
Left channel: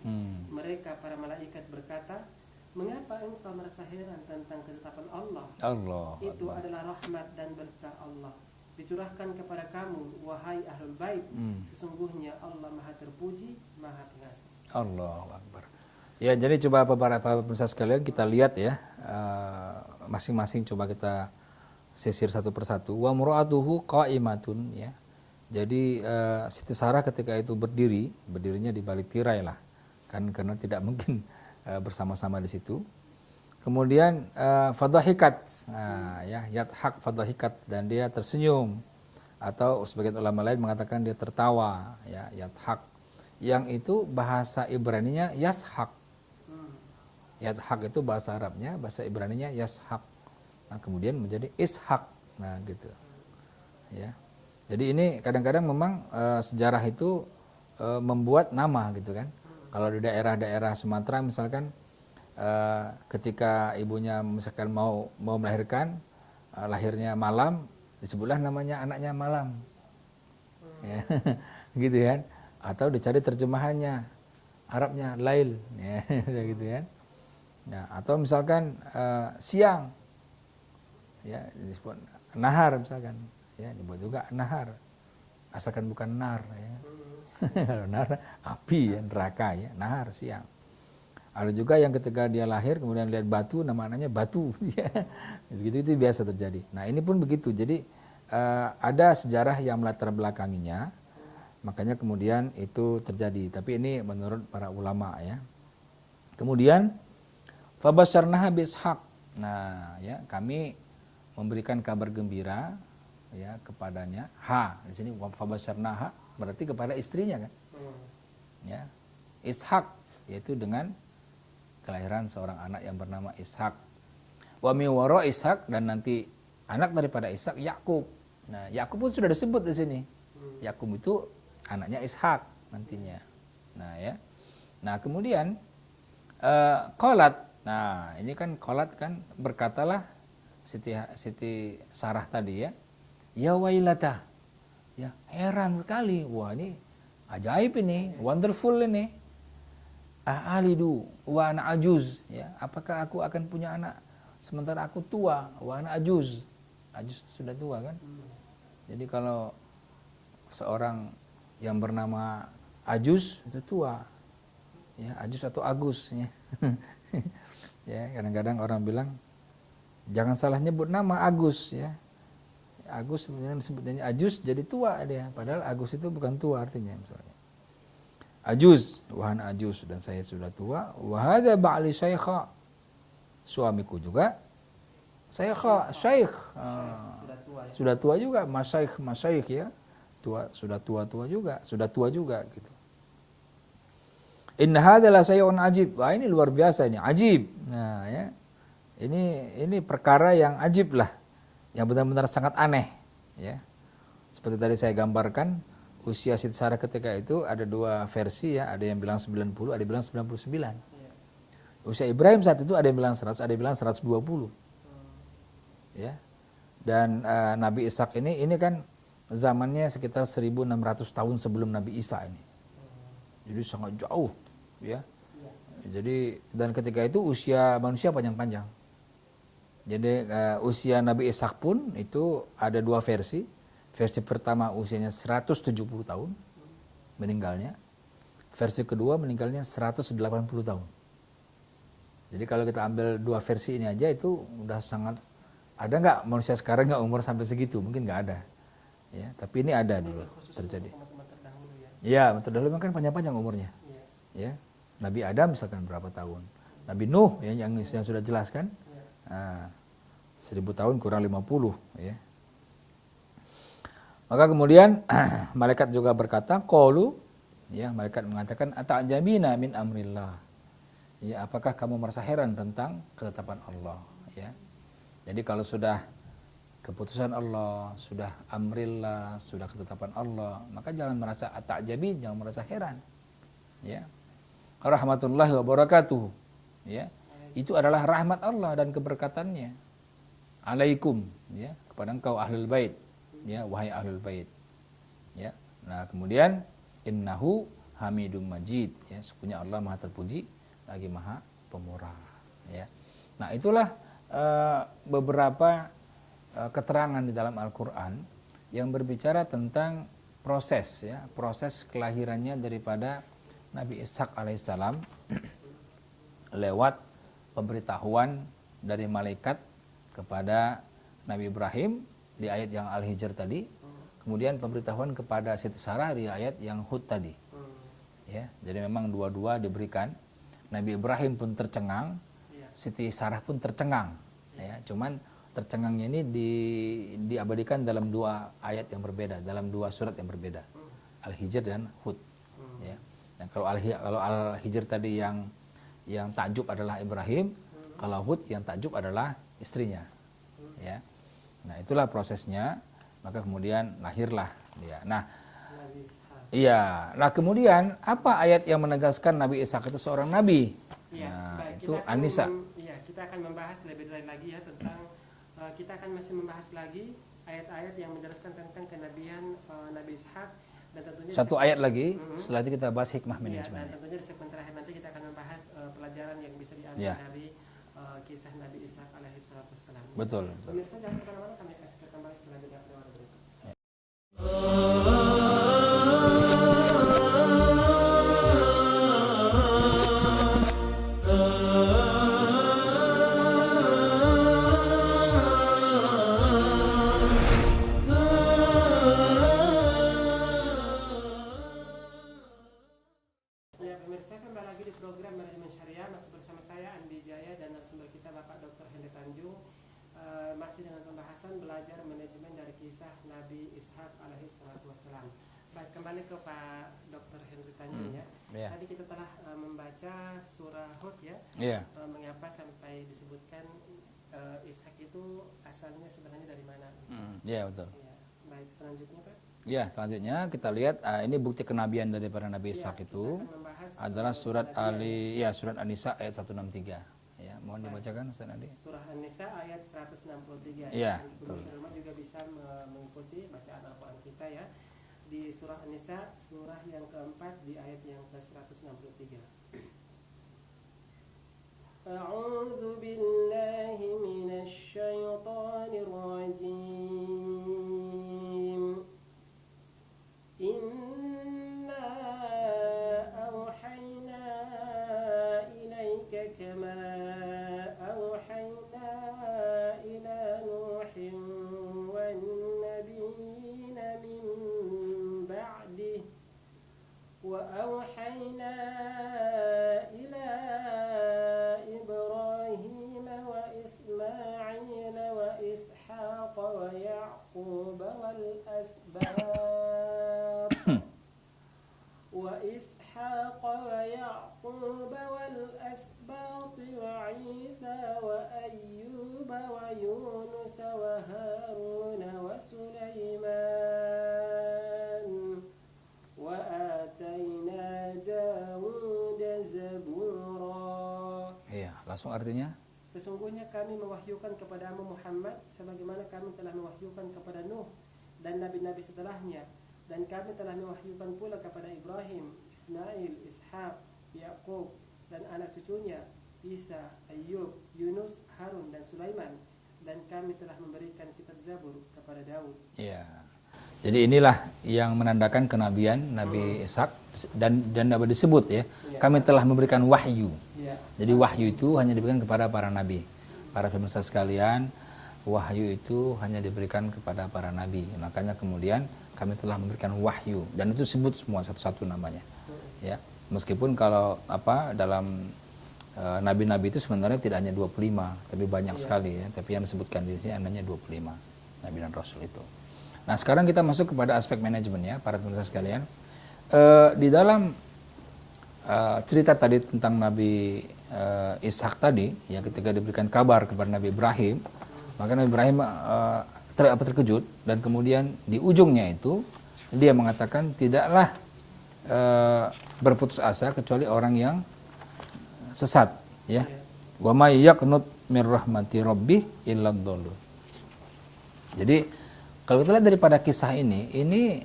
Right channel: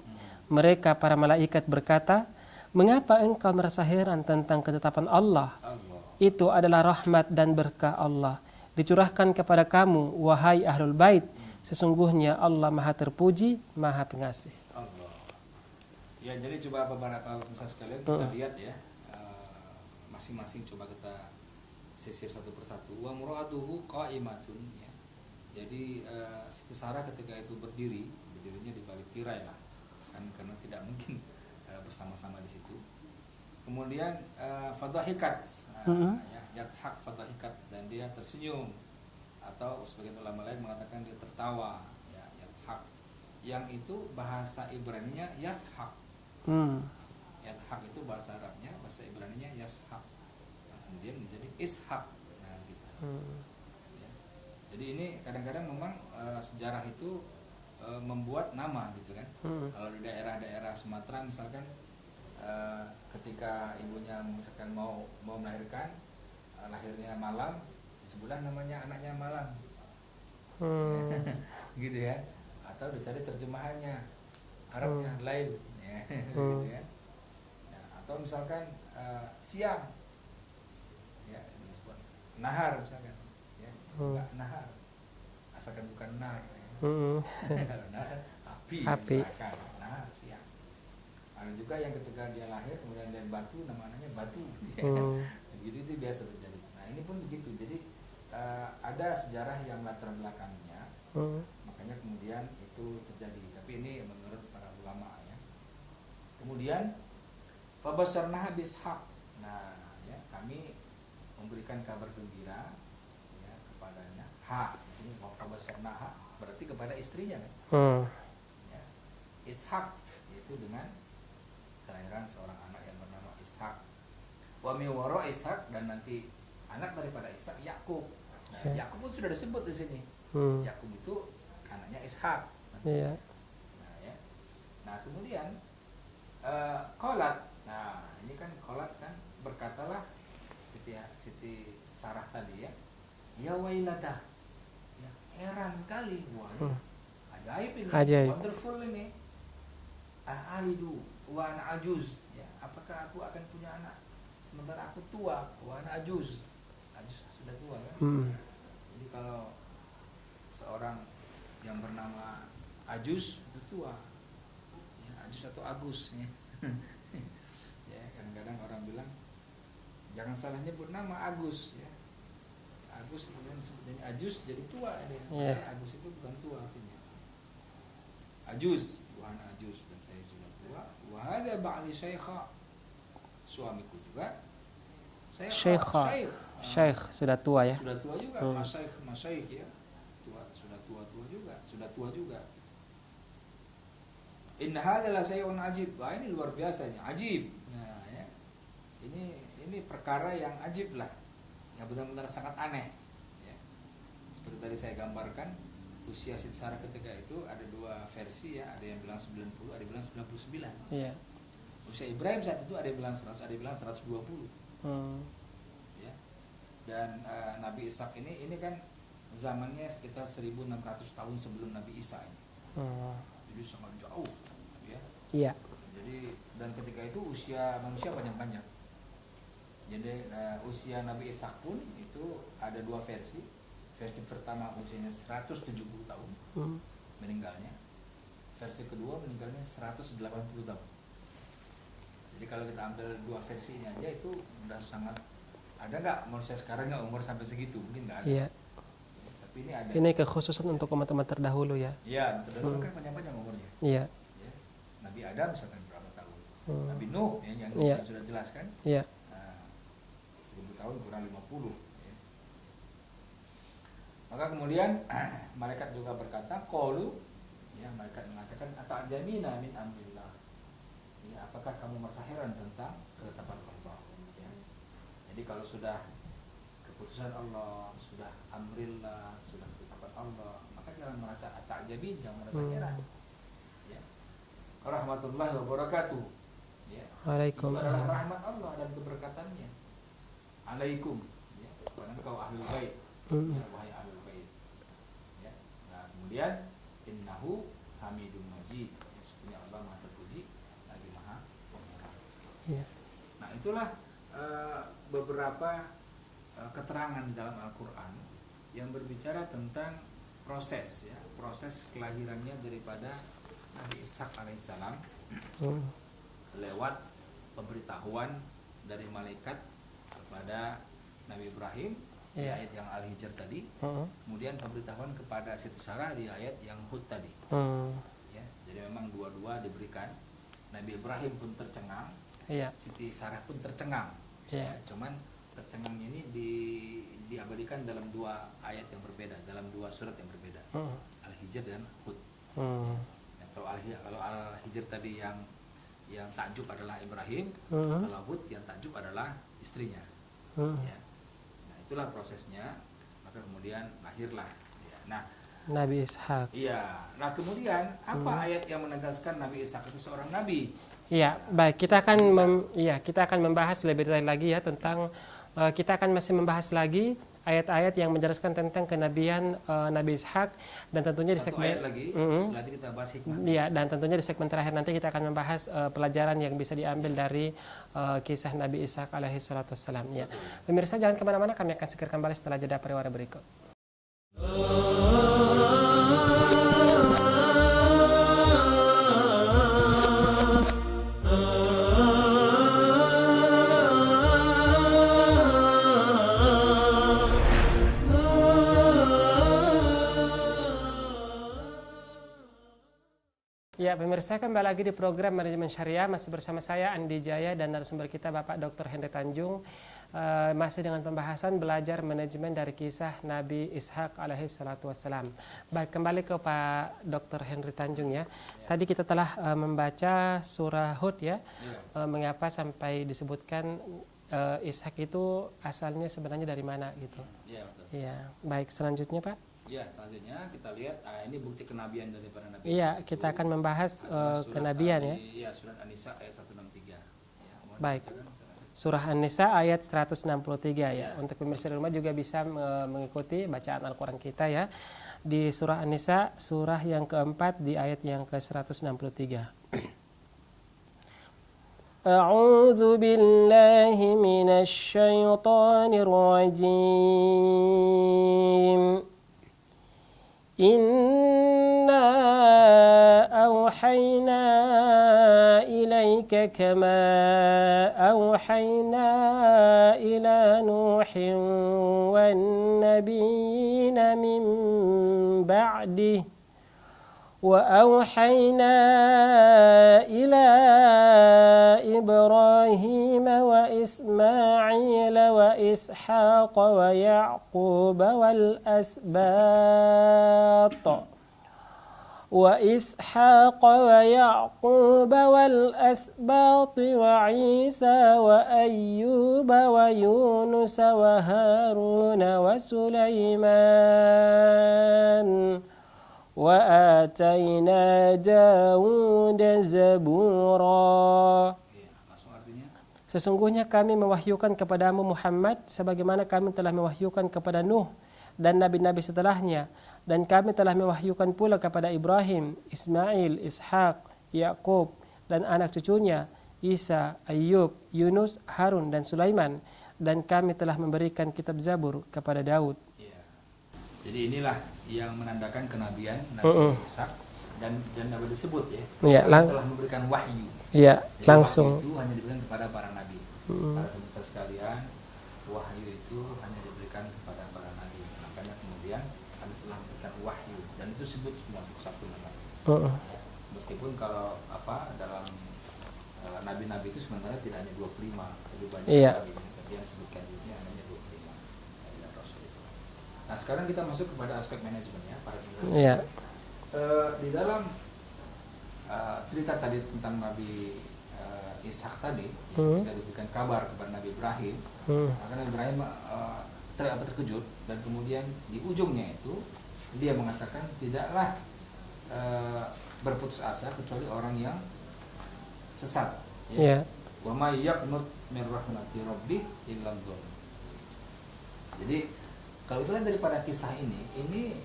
Mereka para malaikat berkata, mengapa engkau merasa heran tentang ketetapan Allah? Itu adalah rahmat dan berkah Allah dicurahkan kepada kamu, wahai ahlul bait. Sesungguhnya Allah Maha Terpuji, Maha Pengasih. Allahu Akbar. Ya, jadi coba beberapa pemirsa sekalian kita lihat ya, masing-masing coba kita sisir satu persatu. Wa mura'atuhu qa'imatun ya. Jadi Siti Sarah ketika itu berdirinya di balik tirai lah. Kan karena tidak mungkin bersama-sama di situ. Kemudian fadhahikat, ya, yathak fadhahikat, dan dia tersenyum, atau sebagian ulama lain mengatakan dia tertawa, ya, yathak. Yang itu bahasa Ibraninya yashak. Yathak itu bahasa Arabnya, bahasa Ibraninya yashak. Nah, kemudian menjadi ishak. Nah, gitu. Ya. Jadi ini kadang-kadang memang sejarah itu membuat nama gitu kan. Kalau di daerah-daerah Sumatera misalkan ketika ibunya misalkan mau melahirkan, lahirnya malam, disebutlah namanya anaknya malam. Ya, gitu kan. Atau dicari terjemahannya Arabnya lail ya, gitu kan. Nah, atau misalkan siang ya disebut nahar misalkan ya, disebut juga nahar. Asalkan bukan nar ya. Kalau nar api. Ya, neraka ya, nahar siang. Ada juga yang ketika dia lahir kemudian lihat batu, namanya batu ya. Begitu itu biasa terjadi. Nah, ini pun begitu. Jadi ada sejarah yang melatar belakanginya. Makanya kemudian itu terjadi. Tapi ini menurut para ulama ya. Kemudian fabasyarnaha bishaq. Nah, ya, kami memberikan kabar gembira ya kepadanya. Di sini fabasyarnaha berarti kepada istrinya kan. Ya. Ishak, yaitu dengan kelahiran seorang anak yang bernama Ishak. Wa min wara Ishak, dan nanti anak daripada Ishak Yakub. Nah, Yakub pun sudah disebut di sini. Yakub itu anaknya Ishak nantinya. Nah, ya. Nah, kemudian qalat. Nah, ini kan qalat kan, berkatalah Siti Sarah tadi ya. Ya wailata. Ya, heran sekali. Wah, ini ajaib ini, wonderful ini. Alidu wa ana ajuz, ya, apakah aku akan punya anak sementara aku tua, wa ana ajuz. Ajuz sudah tua kan? Jadi kalau seorang yang bernama Ajuz itu tua, ya, Ajuz atau Agus, ya. Ya, kadang-kadang orang bilang jangan salah nyebut nama Agus, ya. Agus sebenarnya disebutnya Ajuz, jadi tua dia, padahal Agus itu bukan tua artinya. Ajuz, wahana ajuz, dan saya sudah tua. Wahada ba'li syaikha, suamiku juga Syekh sudah tua ya. Sudah tua juga, masyaikh ya. Sudah tua juga gitu. Inna hadza la syai'un ajib. Wah, ini luar biasa ini, ajib. Nah, ya. Ini perkara yang ajib lah, yang benar-benar sangat aneh, ya. Seperti tadi saya gambarkan, usia Siti Sarah ketika itu ada dua versi ya, ada yang bilang 90, ada yang bilang 99. Iya. Usia Ibrahim saat itu ada yang bilang 100, ada yang bilang 120. Ya. Dan Nabi Ishak ini kan zamannya sekitar 1600 tahun sebelum Nabi Isa ini. Jadi sangat jauh, ya. Iya. Jadi dan ketika itu usia manusia panjang-panjang. Jadi usia Nabi Ishak pun itu ada dua versi. Versi pertama usianya 170 tahun meninggalnya. Versi kedua meninggalnya 180 tahun. Jadi kalau kita ambil dua versi ini aja itu udah sangat, ada nggak manusia sekarang nggak umur sampai segitu? Mungkin nggak ada. Iya. Ya, tapi ini ada. Ini kekhususan untuk umat-umat terdahulu ya. Iya, terdahulu kan panjang-panjang umurnya. Iya. Ya. Nabi Adam misalkan berapa tahun? Nabi Nuh ya, yang sudah jelaskan. Iya. 1000 tahun kurang 50 ya. Maka kemudian malaikat juga berkata, qalu, ya, malaikat mengatakan ata'jabina min amrillah. Ya, apakah kamu merasa heran tentang ketetapan Allah, ya. Jadi kalau sudah keputusan Allah, sudah amrillah, sudah ketetapan Allah, maka jangan merasa ata'jabin, jangan merasa heran. Ya. Rahmatullahi wa barakatuh. Ya. Itu adalah rahmat Allah dan keberkatannya. Alaikum, ya, kepada engkau ahlul bait. Ya, wahai ahlul bait. Ya. Nah, kemudian innahu hamidum majid, ya, sesungguhnya Allah Maha terpuji lagi Maha pemurah, ya. Nah, itulah beberapa keterangan di dalam Al-Qur'an yang berbicara tentang proses, ya, proses kelahirannya daripada Nabi Ishak alaihissalam lewat pemberitahuan dari malaikat kepada Nabi Ibrahim di ayat yang Al-Hijr tadi, kemudian pemberitahuan kepada Siti Sarah di ayat yang Hud tadi. Ya, jadi memang dua-dua diberikan. Nabi Ibrahim pun tercengang, Siti Sarah pun tercengang. Ya, cuman tercengangnya ini diabadikan dalam dua ayat yang berbeda, dalam dua surat yang berbeda, Al-Hijr dan Hud. Ya. Dan kalau Al-Hijr tadi yang takjub adalah Ibrahim, kalau Hud yang takjub adalah istrinya. Ya. Nah, itulah prosesnya, maka kemudian lahirlah dia. Nah, Nabi Ishak. Iya. Nah, kemudian apa ayat yang menegaskan Nabi Ishak itu seorang nabi? Iya, Nah, baik, kita akan membahas lebih detail lagi ya tentang kita akan masih membahas lagi ayat-ayat yang menjelaskan tentang kenabian Nabi Ishak, dan tentunya satu ayat lagi setelah itu kita bahas hikmahnya. Iya, dan tentunya di segmen terakhir nanti kita akan membahas pelajaran yang bisa diambil dari kisah Nabi Ishak alaihi salatu wassalam. Ya. Betul. Pemirsa jangan kemana-mana, kami akan segera kembali setelah jeda pariwara berikut. Ya, pemirsa, kembali lagi di program Manajemen Syariah, masih bersama saya Andi Jaya dan narasumber kita Bapak Dr. Henry Tanjung, masih dengan pembahasan belajar manajemen dari kisah Nabi Ishak alaihi salatu wassalam. Baik, kembali ke Pak Dr. Henry Tanjung ya. Tadi kita telah membaca surah Hud ya. Mengapa sampai disebutkan Ishak itu asalnya sebenarnya dari mana gitu. Iya, betul. Iya, baik, selanjutnya Pak. Ya, selanjutnya kita lihat ini bukti kenabian daripada Nabi Ishak itu. Kita akan membahas adalah surat kenabian surat An-Nisa ayat 163. Ya, mohon dibacakan Ustaz Ali. Surah An-Nisa ayat 163 ya. Untuk pemirsa di rumah juga bisa mengikuti bacaan Al-Qur'an kita ya. Di surah An-Nisa surah yang keempat di ayat yang ke-163. أعوذ بالله من الشيطان الرجيم إنا أوحينا إليك كما أوحينا إلى نوح والنبيين من بعده وأوحينا إلى إبراهيم وإسماعيل وإسحاق ويعقوب والأسباط وعيسى وأيوب ويونس وهارون وسليمان وآتينا داود زبورا. Iya, langsung artinya? Sesungguhnya kami mewahyukan kepadamu Muhammad sebagaimana kami telah mewahyukan kepada Nuh dan nabi-nabi setelahnya, dan kami telah mewahyukan pula kepada Ibrahim, Ismail, Ishak, Yakub dan anak cucunya Isa, Ayub, Yunus, Harun dan Sulaiman, dan kami telah memberikan kitab Zabur kepada Daud. Iya. Jadi inilah yang menandakan kenabian Nabi Ishak dan Nabi disebut ya. Kami telah memberikan wahyu. Iya, jadi langsung. Wahyu itu hanya diberikan kepada para nabi. Para pemirsa sekalian, wahyu itu hanya diberikan kepada para nabi. Makanya kemudian kami telah memberikan wahyu dan itu disebut semua satu-satu namanya. Ya, meskipun kalau dalam nabi-nabi itu sebenarnya tidak hanya 25, tapi banyak sekali ya. Tapi yang disebutkan di sini hanya 25 nabi dan rasul itu. Nah, sekarang kita masuk kepada aspek manajemen ya, para pemirsa sekalian. Di dalam cerita tadi tentang Nabi Ishak tadi, yang ketika diberikan kabar kepada Nabi Ibrahim, maka Nabi Ibrahim terkejut dan kemudian di ujungnya itu dia mengatakan tidaklah berputus asa kecuali orang yang sesat. Ya. Wa may yaqnut mir rahmati rabbih illa dhallu. Jadi kalau kita lihat daripada kisah ini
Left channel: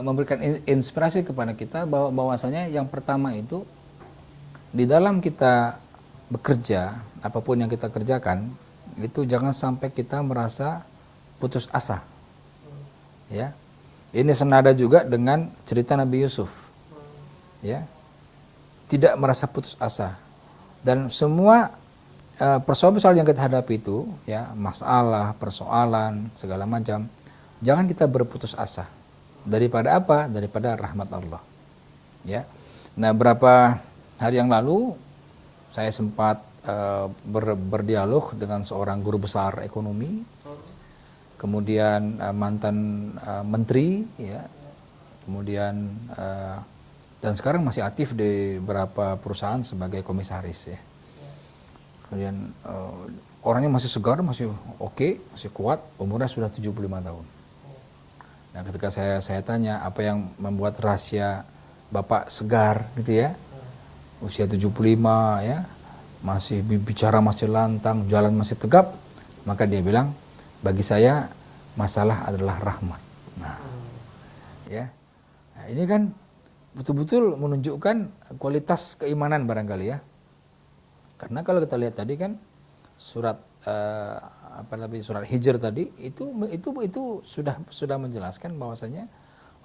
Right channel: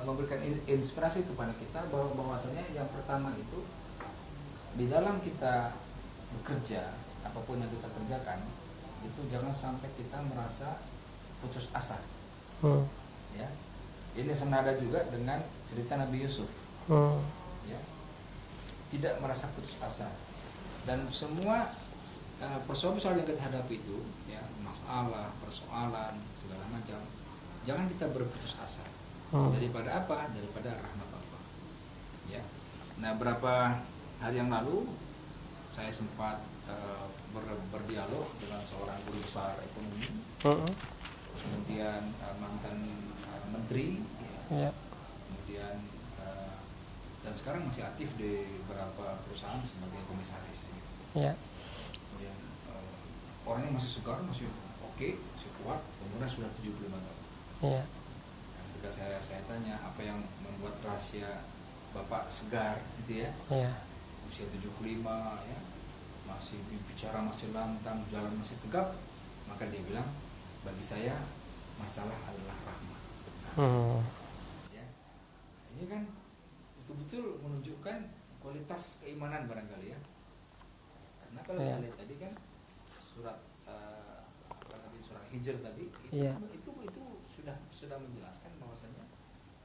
memberikan inspirasi kepada kita bahwasanya yang pertama itu di dalam kita bekerja, apapun yang kita kerjakan, itu jangan sampai kita merasa putus asa. Ya. Ini senada juga dengan cerita Nabi Yusuf. Ya. Tidak merasa putus asa. Dan semua persoalan yang kita hadapi itu, ya, masalah, persoalan, segala macam, jangan kita berputus asa. Daripada apa? Daripada rahmat Allah. Ya. Nah, berapa hari yang lalu saya sempat berdialog dengan seorang guru besar ekonomi, kemudian mantan menteri, ya. Kemudian dan sekarang masih aktif di beberapa perusahaan sebagai komisaris, ya. Kemudian orangnya masih segar, masih oke, masih kuat, umurnya sudah 75 tahun. Nah, ketika saya tanya apa yang membuat rahasia Bapak segar gitu ya. Usia 75 ya, masih bicara masih lantang, jalan masih tegap, maka dia bilang, bagi saya masalah adalah rahmat. Nah, ya. Nah, ini kan betul-betul menunjukkan kualitas keimanan barangkali ya. Karena kalau kita lihat tadi kan surat surat Hijr tadi itu sudah menjelaskan bahwasanya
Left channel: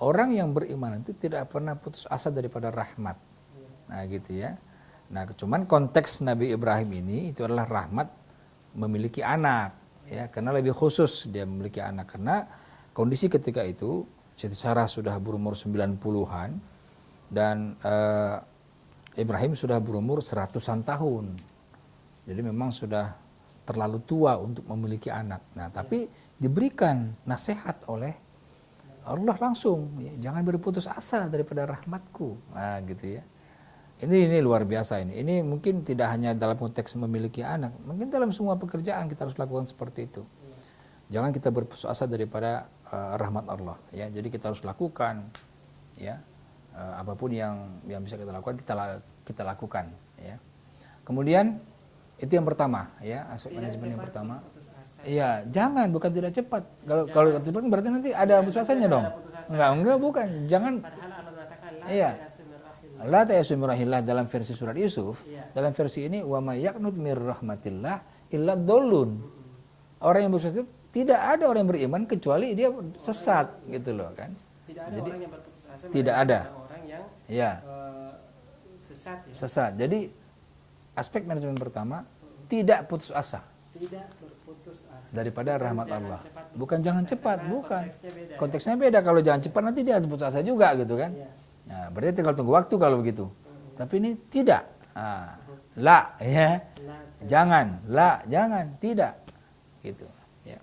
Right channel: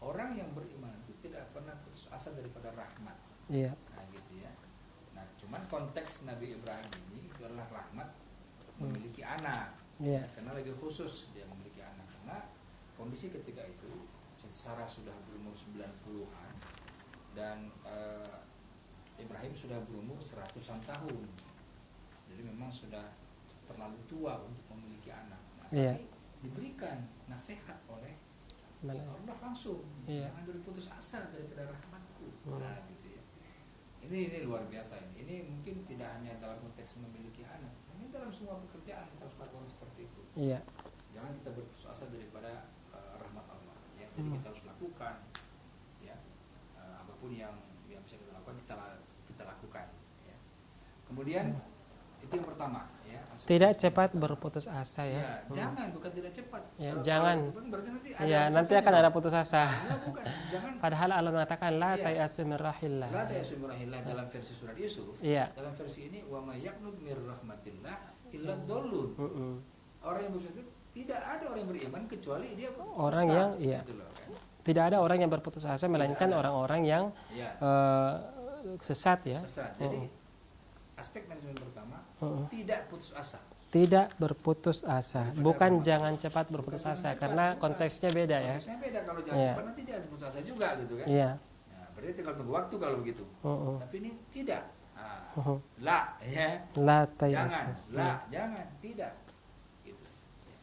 orang yang beriman itu tidak pernah putus asa daripada rahmat. Nah, gitu ya. Nah, cuman konteks Nabi Ibrahim ini itu adalah rahmat memiliki anak, ya, karena lebih khusus dia memiliki anak karena kondisi ketika itu Siti Sarah sudah berumur 90-an dan Ibrahim sudah berumur 100-an tahun. Jadi memang sudah terlalu tua untuk memiliki anak. Nah, tapi diberikan nasihat oleh Allah langsung, jangan berputus asa daripada rahmatku. Nah, gitu ya. Ini luar biasa ini. Ini mungkin tidak hanya dalam konteks memiliki anak, mungkin dalam semua pekerjaan kita harus lakukan seperti itu. Jangan kita berputus asa daripada rahmat Allah, ya. Jadi kita harus lakukan, ya. Apapun yang bisa kita lakukan kita lakukan, ya. Kemudian Itu yang pertama, ya. Tidak cepat berputus asa. Iya, jangan, bukan tidak cepat. Ya, kalau cepat berarti nanti ada putus asanya dong. Ada putus asa. Enggak, bukan. Jangan. Padahal Allah mengatakan la ta'yasu min rahillah. La ta'yasu min rahillah dalam versi surat Yusuf. Iya. Dalam versi ini wa may yaqnut mir rahmatillah illa dhallun. Orang yang berputus asa, tidak ada orang yang beriman kecuali dia sesat, gitu loh kan. Tidak ada orang yang berputus asa, melainkan orang-orang yang sesat ya. Sesat. Jadi aspek manajemen pertama tidak putus asa. Tidak berputus asa. Bukan jangan cepat berputus asa. Bukan jangan cepat, karena konteksnya beda. Konteksnya beda. Kalau jangan cepat nanti dia harus putus asa juga gitu kan. Iya. Nah, berarti tinggal tunggu waktu kalau begitu. Tapi ini tidak. La ya. Jangan, tidak. Gitu. Ya.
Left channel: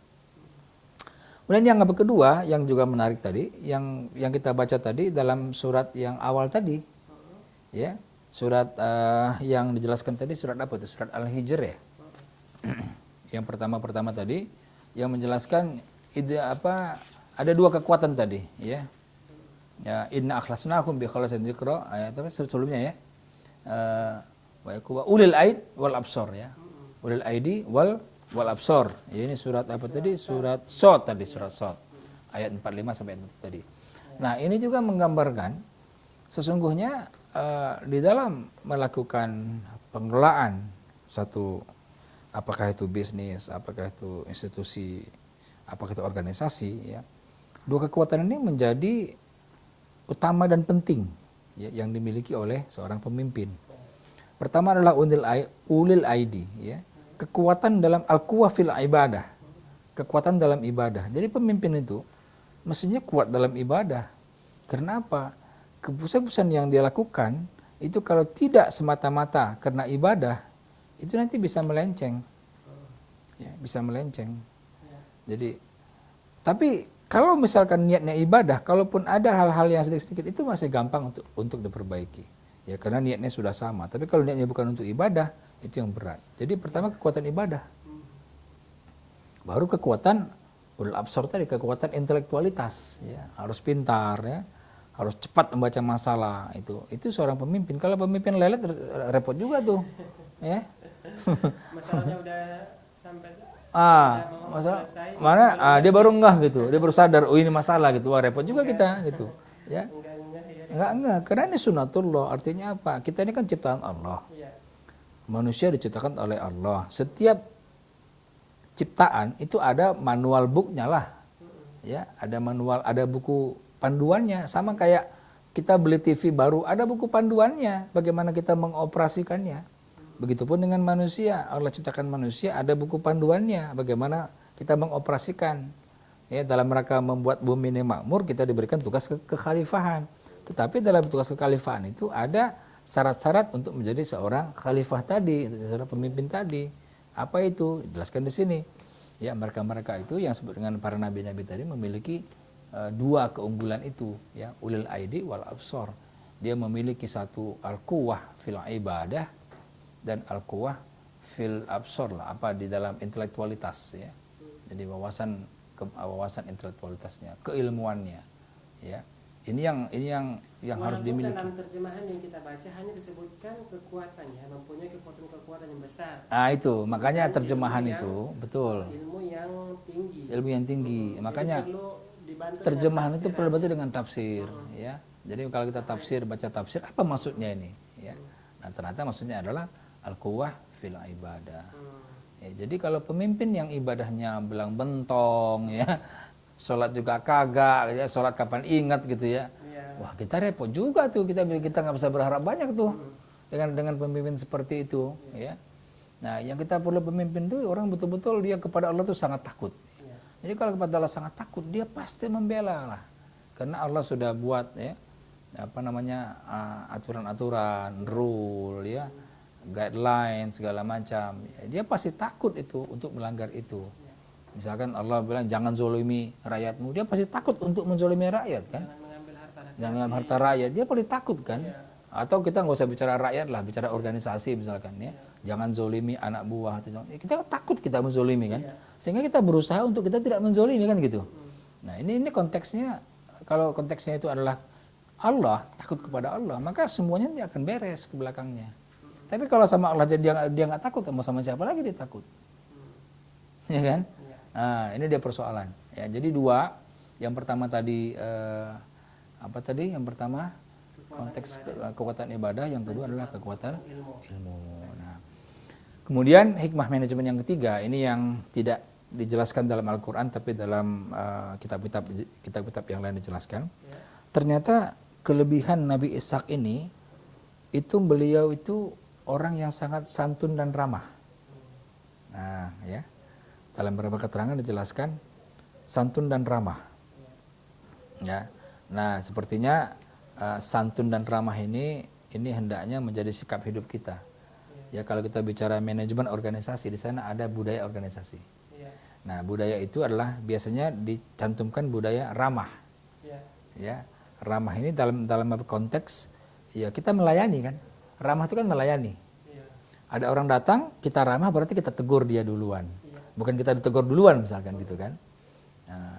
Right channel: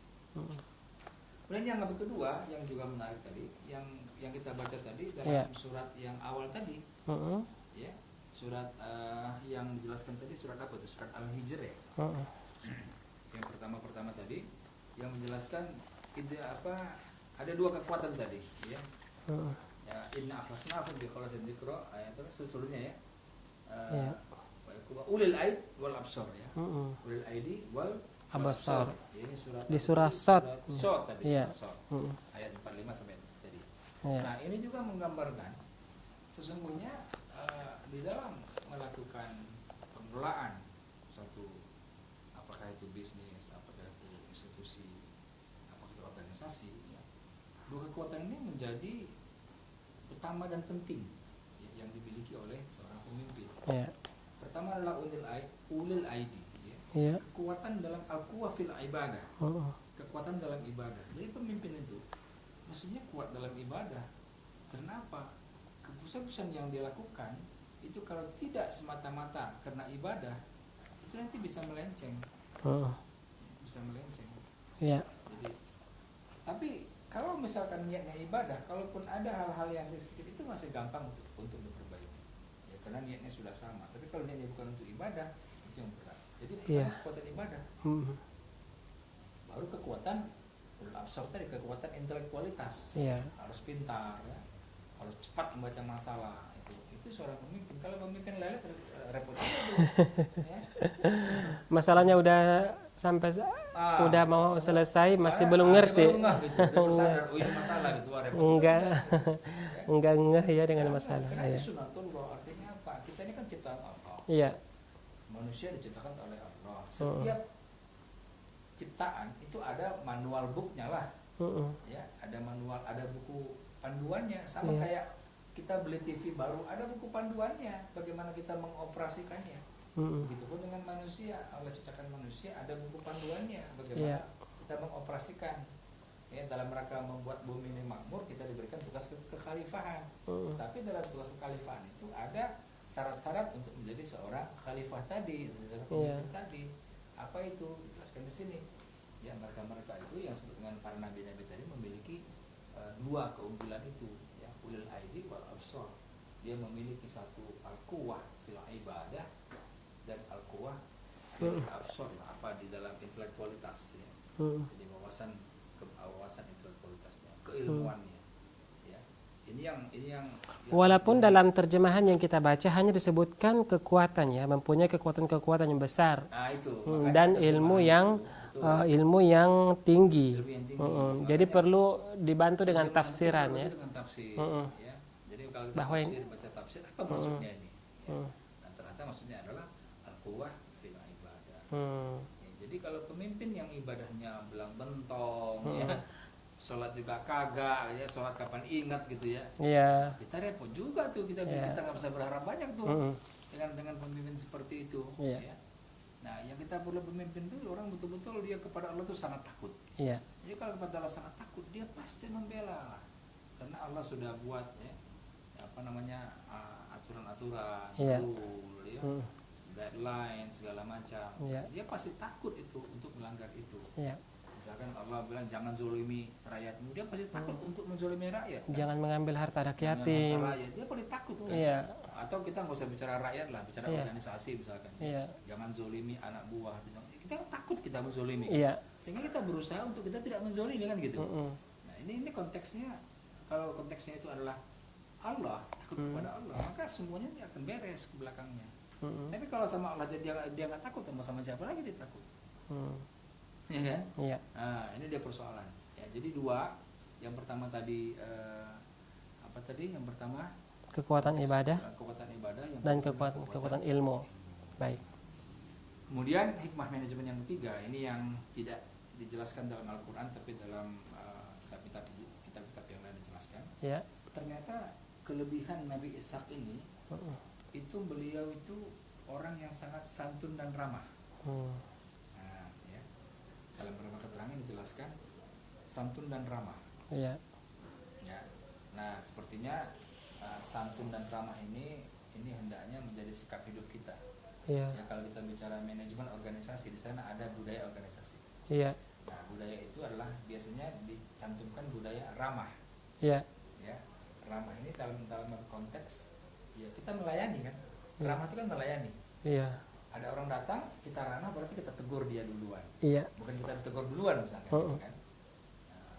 Kemudian yang kedua yang juga menarik tadi, yang kita baca tadi dalam surat yang awal tadi. Ya. Surat yang dijelaskan tadi surat apa itu? Surat Al-Hijr ya. Yang pertama tadi yang menjelaskan ada dua kekuatan tadi ya. Ya inna akhlasnakum bi khalasin dzikra ayat sebelumnya ya. Wa yakuba ulil aid wal absar ya. Ulil aidi wal absar. Ya, ini surat apa tadi? Surat Shad tadi, surat Shad. Ayat 45 sampai tadi. Nah, ini juga menggambarkan sesungguhnya di dalam melakukan pengelolaan satu, apakah itu bisnis, apakah itu institusi, apakah itu organisasi, ya, dua kekuatan ini menjadi utama dan penting ya, yang dimiliki oleh seorang pemimpin. Ya. Pertama adalah ulil aidi, ya, kekuatan dalam al-quwah fil ibadah, kekuatan dalam ibadah. Jadi pemimpin itu mestinya kuat dalam ibadah. Karena apa? Keputusan yang dia lakukan itu kalau tidak semata-mata karena ibadah itu nanti bisa melenceng, ya, bisa melenceng. Ya. Jadi, tapi kalau misalkan niatnya ibadah, kalaupun ada hal-hal yang sedikit-sedikit itu masih gampang untuk diperbaiki, ya karena niatnya sudah sama. Tapi kalau niatnya bukan untuk ibadah itu yang berat. Jadi pertama kekuatan ibadah, baru kekuatan ulul absar tadi, kekuatan intelektualitas, ya, harus pintar ya. Harus cepat membaca masalah itu seorang pemimpin. Kalau pemimpin lelet repot juga tuh, ya. Masalahnya udah sampai udah mau selesai masih belum ngerti. Dia baru ngeh gitu, dia baru sadar oh ini masalah gitu, wah repot juga kita gitu. Ya. Enggak ngeh ya dengan masalah. Karena ini sunatullah, artinya apa? Kita ini kan ciptaan Allah. Iya. Manusia diciptakan oleh Allah. Setiap ciptaan itu ada manual booknya lah, ya, ada manual, ada buku panduannya, sama kayak kita beli TV baru, ada buku panduannya, bagaimana kita mengoperasikannya. Begitupun dengan manusia, Allah ciptakan manusia, ada buku panduannya, bagaimana kita mengoperasikan. Ya, dalam rangka membuat bumi ini makmur, kita diberikan tugas kekhalifahan. Tetapi dalam tugas kekhalifahan itu ada syarat-syarat untuk menjadi seorang khalifah tadi, seorang pemimpin tadi. Apa itu? Jelaskan di sini. Ya, mereka-mereka itu yang disebut dengan para nabi-nabi tadi memiliki dua keunggulan itu, ya, ulil aidi wal absar. Dia memiliki satu al-quwah fil ibadah dan al-quwah fil absar lah, apa di dalam intelektualitas ya. Jadi wawasan intelektualitasnya, keilmuannya, ya. Ini yang walaupun dalam terjemahan yang kita baca hanya disebutkan kekuatan, ya, mempunyai kekuatan yang besar. Ah itu, makanya dan terjemahan ilmu yang, itu betul. Ilmu yang tinggi. Ilmu yang tinggi. Jadi perlu dibantu dengan tafsiran. Terjemahan itu perlu dibantu dengan tafsir, ya. Jadi kalau kita baca tafsir, apa maksudnya ini? Ya. Nah, ternyata maksudnya adalah al-quwah fil ibadah. Ya, jadi kalau pemimpin yang ibadahnya belang bentong, ya. Sholat juga kagak, ya, sholat kapan ingat gitu ya. Wah, kita repot juga tuh, kita nggak bisa berharap banyak tuh dengan pemimpin seperti itu. Ya. Nah, yang kita perlu pemimpin tuh orang betul-betul dia kepada Allah tuh sangat takut. Jadi kalau kepada Allah sangat takut, dia pasti membela lah, karena Allah sudah buat ya apa namanya aturan-aturan, rule, ya, guideline segala macam. Dia pasti takut itu untuk melanggar itu. Misalkan Allah bilang jangan zolimi rakyatmu, dia pasti takut untuk menzolimi rakyat kan? Jangan mengambil harta rakyat. Jangan harta rakyat, dia paling takut kan? Atau kita nggak usah bicara rakyat lah, bicara organisasi misalkan nih. Jangan zolimi anak buah. Kita takut kita menzolimi kan? Sehingga kita berusaha untuk kita tidak menzolimi kan gitu. Nah ini konteksnya, kalau konteksnya itu adalah Allah, takut kepada Allah, maka semuanya akan beres ke belakangnya. Tapi kalau sama Allah dia nggak takut, mau sama siapa lagi dia takut? Ya kan? Iya. Nah, ini dia persoalan. Ya, jadi dua. Yang pertama tadi apa tadi? Yang pertama Kekuatan ibadah. Kekuatan ibadah. Yang kedua adalah kekuatan ilmu. Baik. Nah, kemudian hikmah manajemen yang ketiga, ini yang tidak dijelaskan dalam Al-Quran, tapi dalam kitab-kitab yang lain dijelaskan. Ya. Ternyata kelebihan Nabi Ishak ini, itu beliau itu orang yang sangat santun dan ramah. Nah, ya. Dalam beberapa keterangan dijelaskan santun dan ramah. Ya. Ya. Nah, sepertinya santun dan ramah ini hendaknya menjadi sikap hidup kita. Ya, kalau kita bicara manajemen organisasi, di sana ada budaya organisasi. Iya. Nah, budaya itu adalah biasanya dicantumkan budaya ramah. Iya. Ya, ramah ini dalam konteks ya kita melayani kan. Ramah itu kan melayani. Iya. Ada orang datang, kita ramah berarti kita tegur dia duluan. Iya. Bukan kita ditegur duluan misalkan gitu kan. Nah,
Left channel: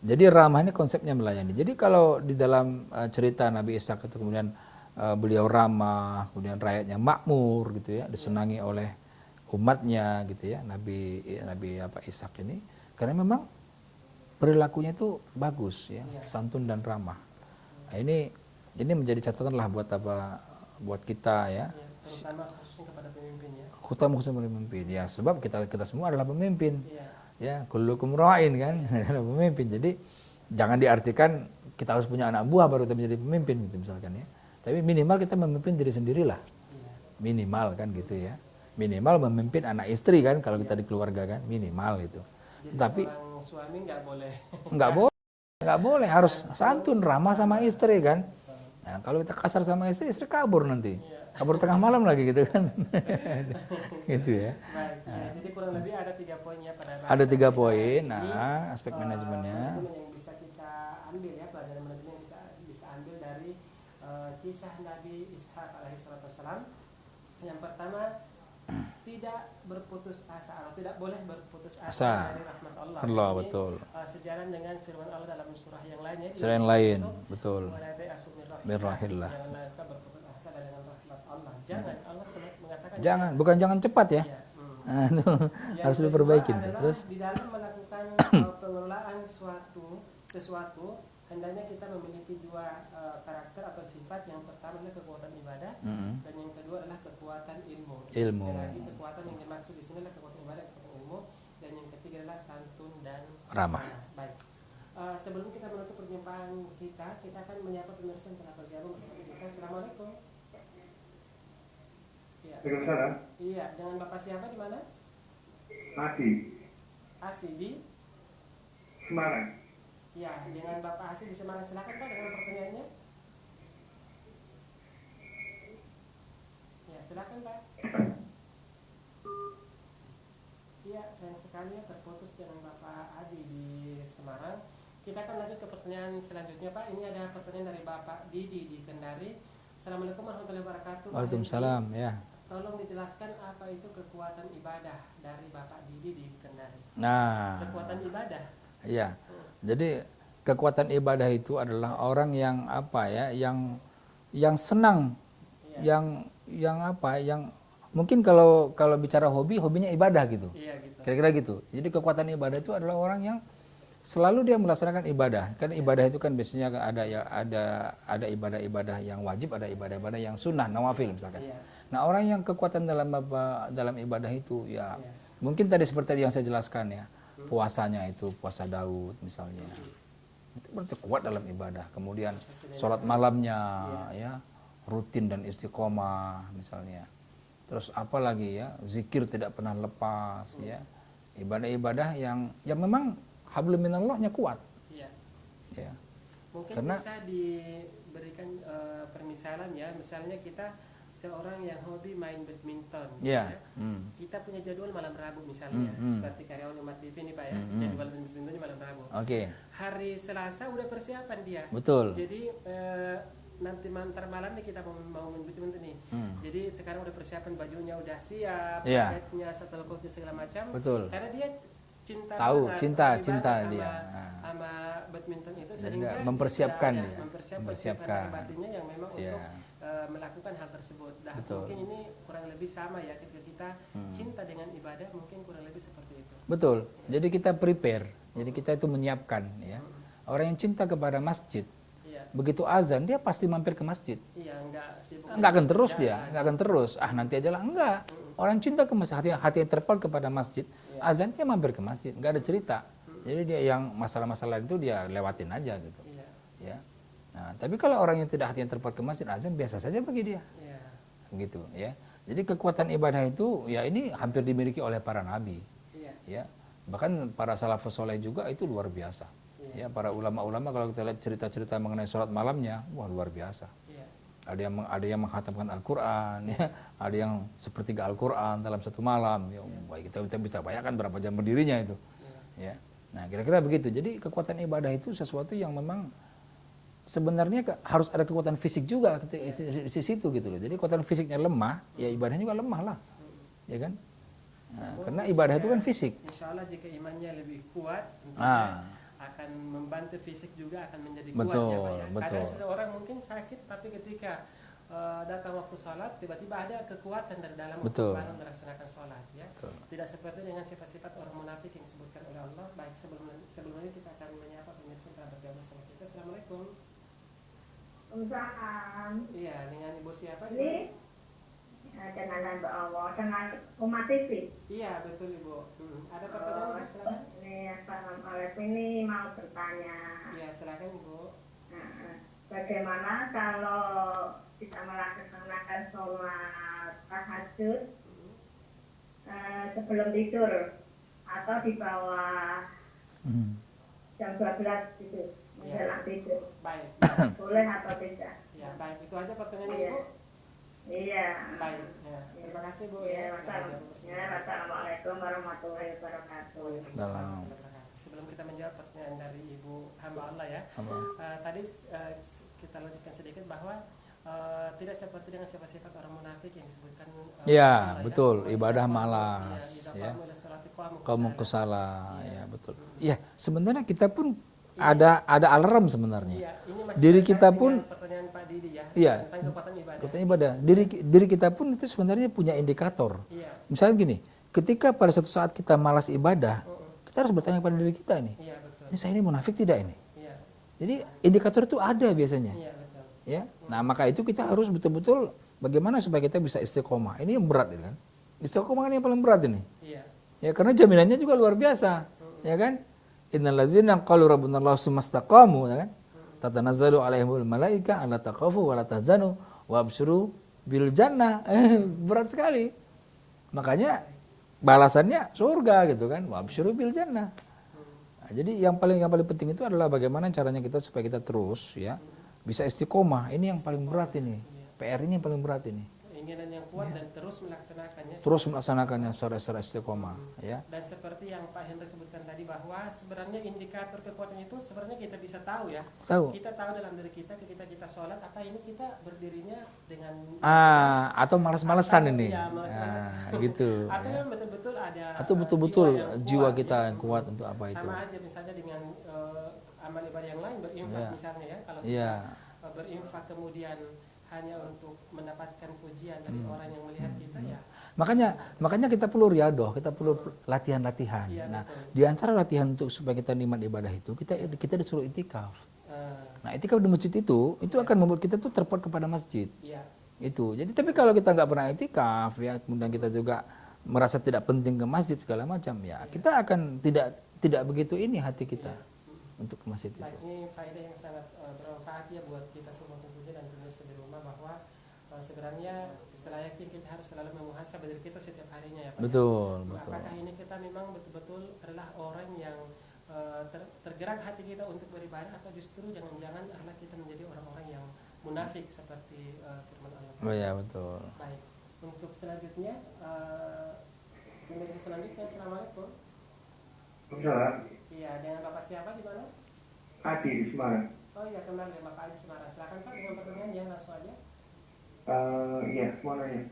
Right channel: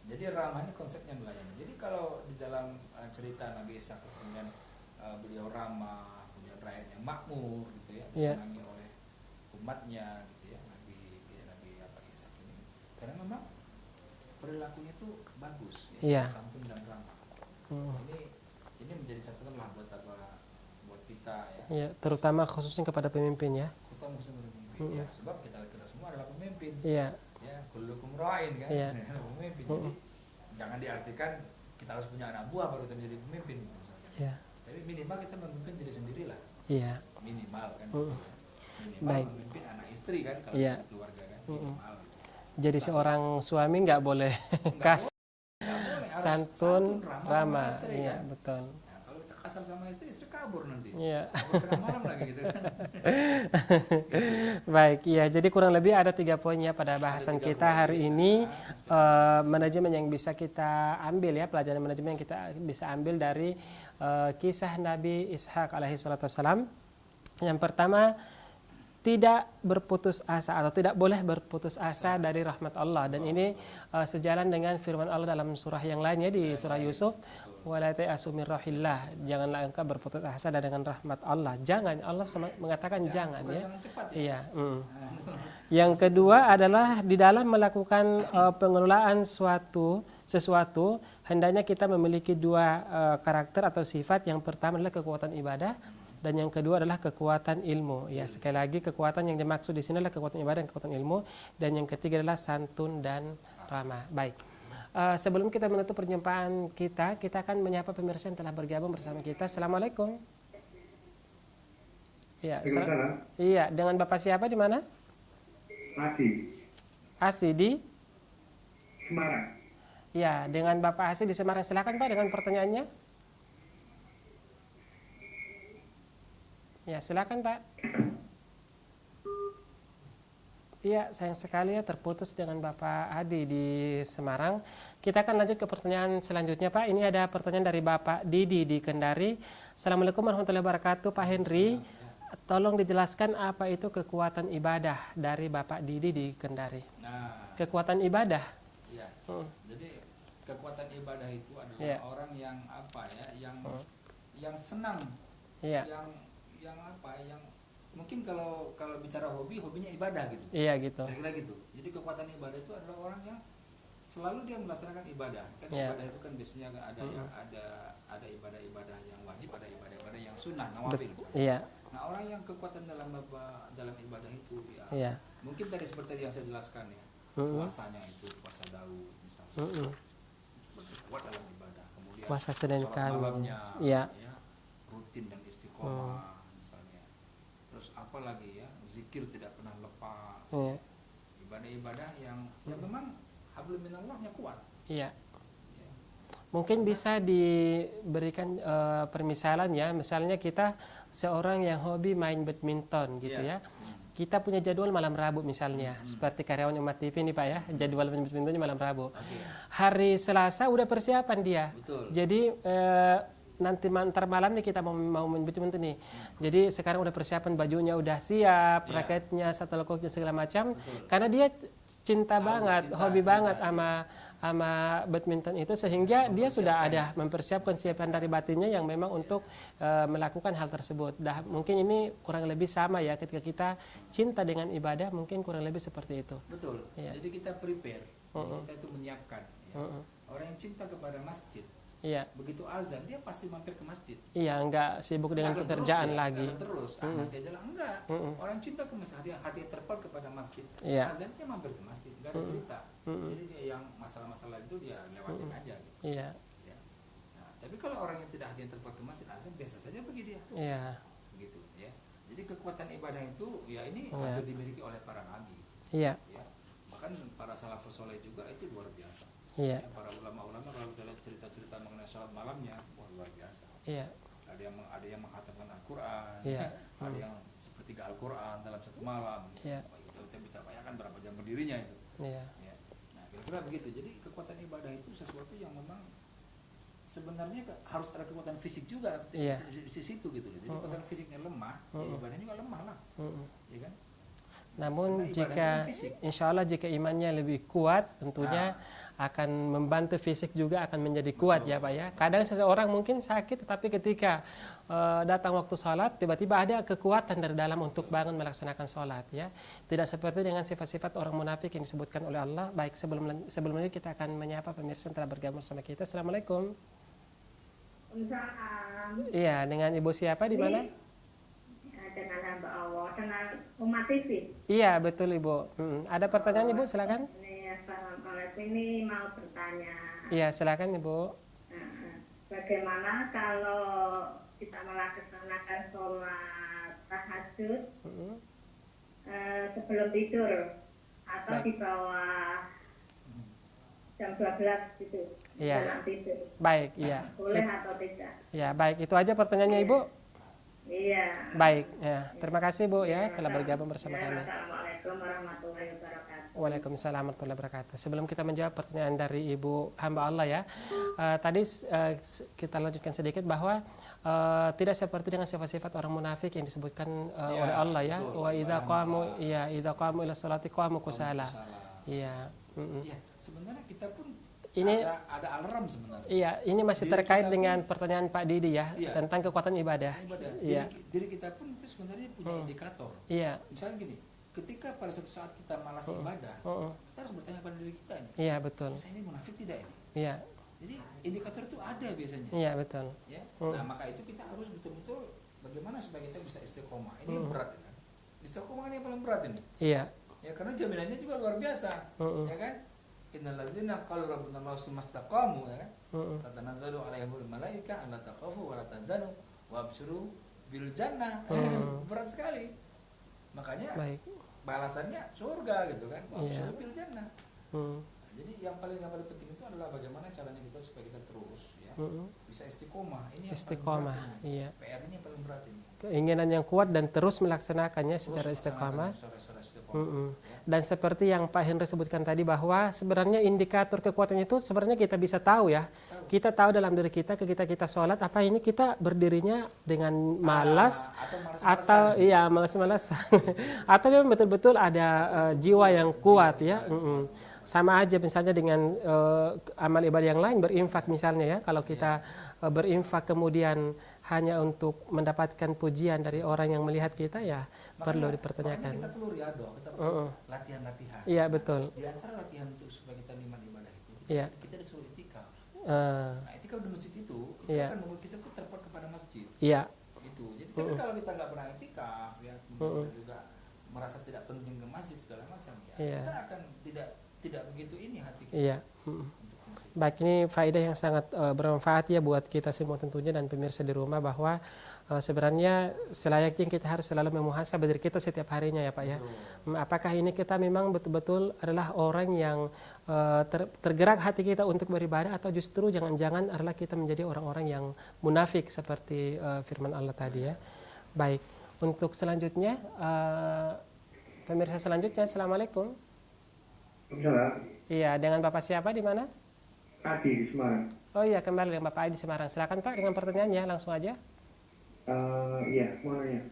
jadi ramah ini konsepnya melayani. Jadi kalau di dalam cerita Nabi Ishak itu kemudian beliau ramah, kemudian rakyatnya makmur gitu ya, disenangi oleh umatnya gitu ya, Nabi Ishak ini, karena memang perilakunya itu bagus ya, santun dan ramah. Nah, ini menjadi catatan lah buat kita ya. Iya, terutama khususnya kepada pemimpin ya. Khususnya pemimpin ya, sebab kita semua adalah pemimpin. Iya. Ya, kullukum ra'in kan, adalah pemimpin. Jadi jangan diartikan kita harus punya anak buah baru kita menjadi pemimpin gitu misalkan ya. Tapi minimal kita memimpin diri sendirilah. Iya. Minimal kan gitu ya. Minimal memimpin anak istri kan kalau kita di keluarga kan, minimal itu. Jadi seorang suami nggak boleh nggak boleh harus santun ramah sama istri kan. Betul. Nah, kalau kita kasar sama istri kabur nanti. Iya. Kabur tengah malam lagi gitu kan. Gitu ya. Baik, iya. Jadi kurang lebih ada 3 poin ya pada bahasan ada 3 kita poin. hari ini. Aspek manajemen yang bisa kita ambil ya, pelajaran manajemen yang kita bisa ambil dari kisah Nabi Ishak alaihi salatu wassalam. Yang pertama, tidak berputus asa atau tidak boleh berputus asa dari rahmat Allah. Dan ini sejalan dengan firman Allah dalam surah yang lainnya di surah Yusuf, wala ta'asu min rahillah. Janganlah engkau berputus asa dengan rahmat Allah. Jangan, Allah mengatakan jangan. Bukan jangan cepat ya. Iya. Yang kedua adalah di dalam melakukan pengelolaan sesuatu hendaknya kita memiliki 2 karakter atau sifat. Yang pertama adalah kekuatan ibadah dan yang kedua adalah kekuatan ilmu. Ya, sekali lagi kekuatan yang dimaksud di sini adalah kekuatan ibadah dan kekuatan ilmu, dan yang ketiga adalah santun dan ramah. Baik. Sebelum kita menutup perjumpaan kita akan menyapa pemirsa yang telah bergabung bersama kita. Assalamualaikum. Iya, iya, dengan Bapak siapa di mana? Asi di Semarang. Ya, dengan Bapak Asi di Semarang. Silakan Pak dengan pertanyaannya. Ya, silakan Pak. Iya, sayang sekali ya terputus dengan Bapak Adi di Semarang. Kita akan lanjut ke pertanyaan selanjutnya Pak. Ini ada pertanyaan dari Bapak Didi di Kendari. Assalamualaikum warahmatullahi wabarakatuh Pak Henry. Ya. Tolong dijelaskan apa itu kekuatan ibadah dari Bapak Didi di Kendari. Nah, kekuatan ibadah. Iya. Jadi kekuatan ibadah itu adalah orang yang apa ya, yang senang, yang mungkin kalau bicara hobinya ibadah gitu. Iya gitu. Kira-kira gitu. Jadi kekuatan ibadah itu adalah orang yang selalu dia melaksanakan ibadah. Kan ibadah itu kan biasanya ada ibadah-ibadah yang wajib, ada ibadah-ibadah yang sunnah, nawafil misalkan. Iya. Nah, orang yang kekuatan dalam ibadah itu ya mungkin tadi seperti yang saya jelaskan ya. Puasanya itu puasa Daud misalnya, itu berarti kuat dalam ibadah. Kemudian sholat malamnya ya rutin dan istiqomah misalnya. Terus apa lagi ya, zikir tidak pernah lepas ya. Ibadah-ibadah yang memang hablum minallahnya kuat. Iya. Ya. Mungkin bisa diberikan permisalan ya, misalnya kita seorang yang hobi main badminton gitu ya. Kita punya jadwal malam Rabu misalnya, seperti karyawan Umat TV ini Pak ya, jadwal main badmintonnya malam Rabu. Hari Selasa udah persiapan dia. Betul. Jadi nanti antar malam nih kita mau main badminton nih. Jadi sekarang udah persiapan, bajunya udah siap, raketnya, shuttlecocknya segala macam. Betul. Karena dia cinta Tahu, banget, cinta hobi banget dia. sama badminton itu, sehingga dia sudah ada mempersiapkan dari batinnya yang memang untuk melakukan hal tersebut. Mungkin ini kurang lebih sama ya, ketika kita cinta dengan ibadah mungkin kurang lebih seperti itu. Betul. Jadi kita prepare. Jadi kita itu menyiapkan ya. Orang yang cinta kepada masjid, begitu azan dia pasti mampir ke masjid. Iya, enggak sibuk Nggak dengan akan terus pekerjaan dia, lagi. nggak akan terus. Nanti aja lah, enggak. Orang cinta ke masjid, hati yang terpaut kepada masjid, azan dia mampir ke masjid, nggak ada cerita. Jadi dia yang masalah-masalah itu dia lewatin aja gitu. Iya. Ya. Nah, tapi kalau orang yang tidak hati yang terpaut ke masjid, azan biasa saja bagi dia. Iya. Begitu ya. Jadi kekuatan ibadah itu ya ini hampir dimiliki oleh para nabi. Iya. Ya. Bahkan para salafus soleh juga itu luar biasa. Iya. Ya, para ulama-ulama kalau kita lihat cerita-cerita mengenai sholat malamnya, wah luar biasa. Iya. Ada yang menghatamkan Al-Quran, ya. Ada yang sepertiga Al-Quran dalam satu malam. Ya, kita bisa bayangkan berapa jam berdirinya itu. Ya. Nah, kira-kira begitu. Jadi kekuatan ibadah itu sesuatu yang memang sebenarnya harus ada kekuatan fisik juga di situ gitu loh. Jadi kekuatan fisiknya lemah, ya ibadahnya juga lemah lah, ya kan? Namun karena ibadah itu kan fisik. Insya Allah jika imannya lebih kuat, tentunya akan membantu fisik juga akan menjadi kuat ya Pak ya. Kadang seseorang mungkin sakit, tetapi ketika datang waktu sholat, tiba-tiba ada kekuatan dari dalam untuk bangun melaksanakan sholat ya. Tidak seperti dengan sifat-sifat orang munafik yang disebutkan oleh Allah. Baik, sebelum ini kita akan menyapa pemirsa yang telah bergabung sama kita. Assalamualaikum. Waalaikumsalam. Iya, dengan Ibu siapa di mana? Dengan hamba Allah, dengan umat TV. Iya, betul Ibu. Ada pertanyaan Ibu, silakan. Assalamualaikum, ini mau bertanya. Iya, silakan Ibu. Bagaimana kalau kita melaksanakan sholat tahajud sebelum tidur atau di bawah jam 12 gitu, dalam tidur? Baik, iya. Boleh atau tidak? Ya, baik. Itu aja pertanyaannya Ibu. Iya. Baik, ya. Terima kasih Bu ya telah bergabung bersama kami. Assalamualaikum warahmatullahi wabarakatuh. Waalaikumsalam warahmatullahi wabarakatuh. Sebelum kita menjawab pertanyaan dari Ibu hamba Allah ya, tadi kita lanjutkan sedikit bahwa tidak seperti dengan sifat-sifat orang munafik yang disebutkan Allah ya. Betul. Ibadah malas. Iya, idza qamu ila sholati qamu kusala. Iya, betul. Iya, sebenarnya kita pun ada alarm sebenarnya. Iya, ini masih diri terkait kita dengan pun, pertanyaan Pak Didi ya, tentang kekuatan ibadah. Diri kita pun itu sebenarnya punya indikator. Iya. Misalnya gini, ketika pada suatu saat kita malas ibadah, kita harus bertanya pada diri kita nih. Iya, betul. Ini saya ini munafik tidak ini? Iya. Jadi indikator itu ada biasanya. Iya, betul. Ya. Nah, maka itu kita harus betul-betul bagaimana supaya kita bisa istiqomah. Ini yang berat kan. Istiqomah kan yang paling berat ini. Iya. Ya, karena jaminannya juga luar biasa. Ya kan? Innalladzina qalu rabbunallahu tsumastaqamu, ya kan? Tatanazzalu alaihimul malaika alla taqafu wa la tahzanu wa absyiru bil jannah. Berat sekali. Makanya balasannya surga gitu kan. Wa absyiru bil jannah. Nah, jadi yang paling penting itu adalah bagaimana caranya kita supaya kita terus ya bisa istiqomah. Ini yang paling berat ini. Iya. PR ini yang paling berat ini. Keinginan yang kuat dan terus melaksanakannya secara istiqomah. Ya. Dan seperti yang Pak Henry sebutkan tadi bahwa sebenarnya indikator kekuatan itu sebenarnya kita bisa tahu ya. Kita tahu dalam diri kita ketika kita sholat apa ini kita berdirinya dengan malas atau malas-malasan ini. Iya, malas-malasan. Gitu. Atau memang betul-betul ada jiwa yang kuat ya. Kuat untuk apa sama aja misalnya dengan amal ibadah yang lain, berinfak misalnya ya. Kalau kita berinfak kemudian hanya untuk mendapatkan pujian dari orang yang melihat kita ya. Makanya kita perlu riadoh, kita perlu latihan-latihan. Iya, betul. Di antara latihan untuk supaya kita nikmat ibadah itu, kita disuruh itikaf. Nah, itikaf di masjid itu akan membuat kita tuh terpaut kepada masjid. Iya. Itu. Jadi tapi kalau kita nggak pernah itikaf ya, kemudian kita juga merasa tidak penting ke masjid segala macam ya, kita akan tidak begitu ini hati kita untuk masjid. Baik, ini faedah yang sangat bermanfaat ya buat kita semua tentunya dan pemirsa di rumah, bahwa sebenarnya selayaknya kita harus selalu memuhasabah diri kita setiap harinya ya Pak. Betul. Apakah ini kita memang betul-betul adalah orang yang tergerak hati kita untuk beribadah, atau justru jangan-jangan adalah kita menjadi orang-orang yang munafik seperti firman Allah tadi. Betul. Baik, untuk selanjutnya pemirsa selanjutnya, assalamualaikum. Iya, dengan Bapak siapa di mana? Adi di Semarang. Oh iya, kembali dengan Bapak Adi di Semarang. Silakan Pak dengan pertanyaannya, langsung aja. Iya, mau nanya.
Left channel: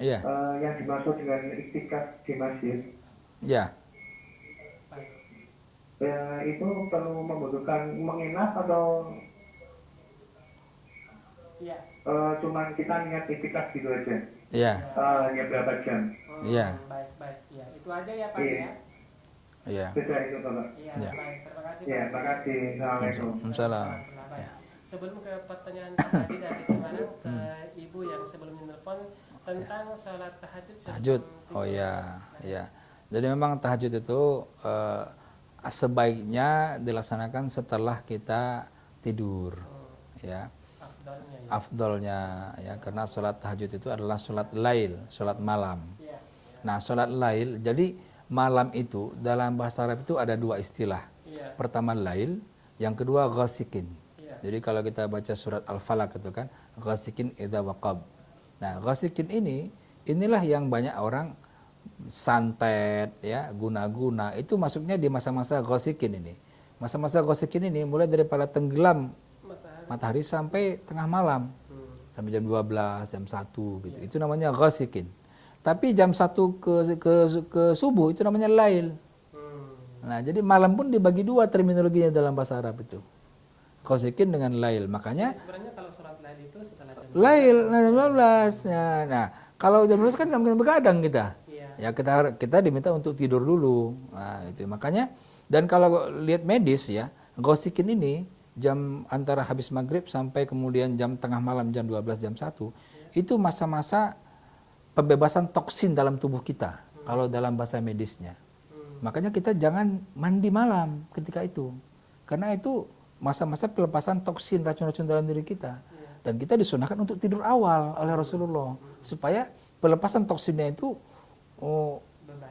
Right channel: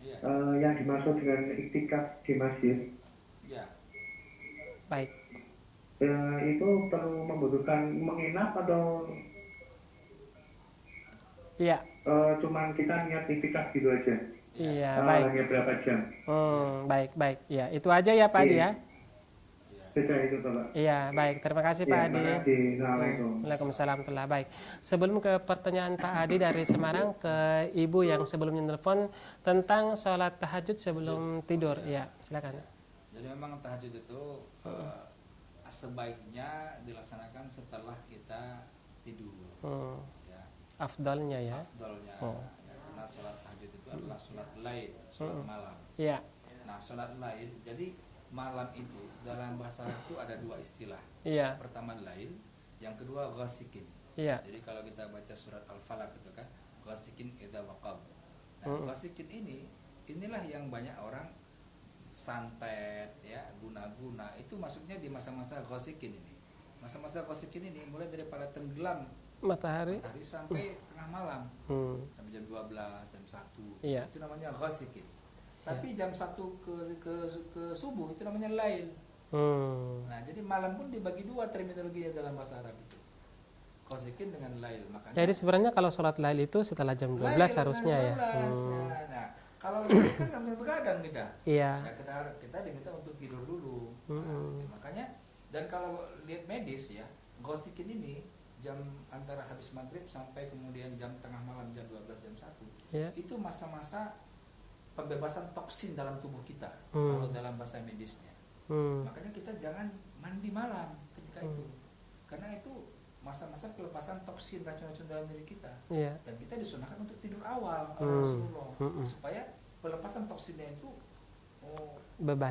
Iya. Yang dimaksud dengan iktikaf di masjid. Iya. baik. Itu perlu membutuhkan menginap atau Iya. cuman kita niat itikaf gitu aja? Iya. Iya, baik. Hanya berapa jam? Iya. Baik, baik. Ya, itu aja ya Pak Adi ya. Iya. Sudah itu Bapak. Iya, baik. Terima kasih Pak Ya, Adi. terima kasih. Assalamualaikum. Waalaikumsalam. Baik. Sebelum ke pertanyaan Pak Adi dari Semarang ke Ibu yang sebelumnya telepon tentang sholat tahajud sebelum tidur. Oh, iya. Ya, silakan. Iya. Jadi memang tahajud itu sebaiknya dilaksanakan setelah kita tidur, ya. Afdolnya ya. Afdolnya, ya, karena sholat tahajud itu adalah sholat lail, sholat malam. Iya. Nah, sholat lail, jadi malam itu dalam bahasa Arab itu ada dua istilah. Iya. Pertama lail, yang kedua ghasikin. Iya. Jadi kalau kita baca surat Al-Falaq itu kan, ghasikin idza waqab. Nah, ghasikin inilah yang banyak orang santet, ya, guna-guna. Itu masuknya di masa-masa ghasikin ini. Masa-masa ghasikin ini mulai daripada tenggelam matahari sampai tengah malam. Sampai jam 12, jam 1 gitu. Iya. Itu namanya ghasikin. Tapi jam 1 ke subuh itu namanya lail. Nah, jadi malam pun dibagi dua terminologinya dalam bahasa Arab itu. Ghasikin dengan lail. Makanya Jadi sebenarnya kalau sholat lail itu setelah jam 12 lail, harusnya. 12. Nah, kalau jam 12 kan nggak mungkin begadang kita. Iya. Ya kita diminta untuk tidur dulu. Nah, itu makanya. Dan kalau lihat medis ya, ghasikin ini jam antara habis maghrib sampai kemudian jam tengah malam jam 12 jam 1 itu masa-masa pembebasan toksin dalam tubuh kita kalau dalam bahasa medisnya. Makanya kita jangan mandi malam ketika itu, karena itu masa-masa pelepasan toksin racun-racun dalam diri kita. Dan kita disunahkan untuk tidur awal oleh Rasulullah supaya pelepasan toksinnya itu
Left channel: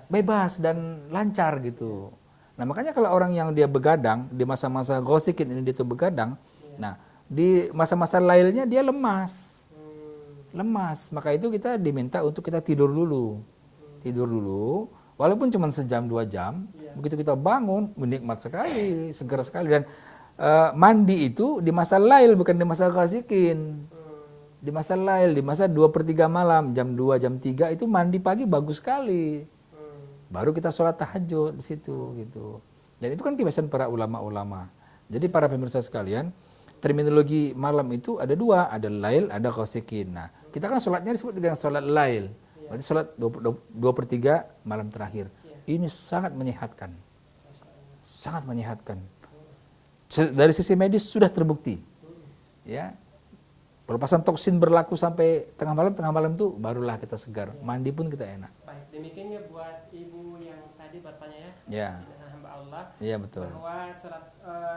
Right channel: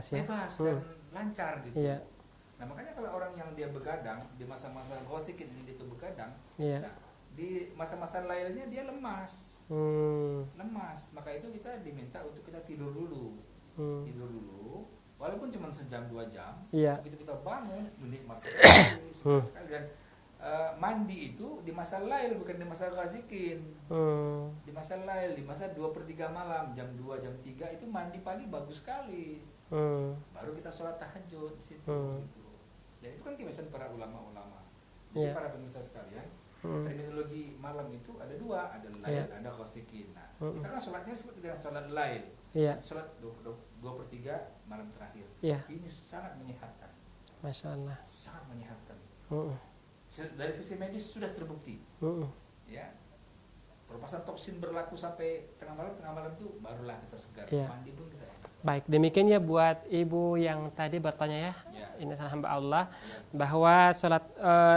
bebas dan lancar gitu. Nah, makanya kalau orang yang dia begadang di masa-masa ghasikin ini dia tuh begadang, nah di masa-masa lailnya dia lemas. Lemas. Maka itu kita diminta untuk kita tidur dulu. Tidur dulu, walaupun cuma sejam 2 jam, begitu kita bangun menikmat sekali, segar sekali. Dan mandi itu di masa lail bukan di masa ghasikin. Di masa lail, di masa 2/3 malam, jam 2, jam 3 itu mandi pagi bagus sekali. Baru kita sholat tahajud di situ gitu. Dan itu kan kebiasaan para ulama-ulama. Jadi para pemirsa sekalian, terminologi malam itu ada dua, ada lail, ada ghasikin. Nah, kita kan sholatnya disebut dengan sholat lail. Berarti sholat 2/3 malam terakhir. Ini sangat menyehatkan. Masya Allah. Sangat menyehatkan. Dari sisi medis sudah terbukti. Ya. Pelepasan toksin berlaku sampai tengah malam itu barulah kita segar. Mandi pun kita enak. Baik, demikian ya buat Ibu yang tadi bertanya ya. Ini salah hamba Allah. Betul. Bahwa sholat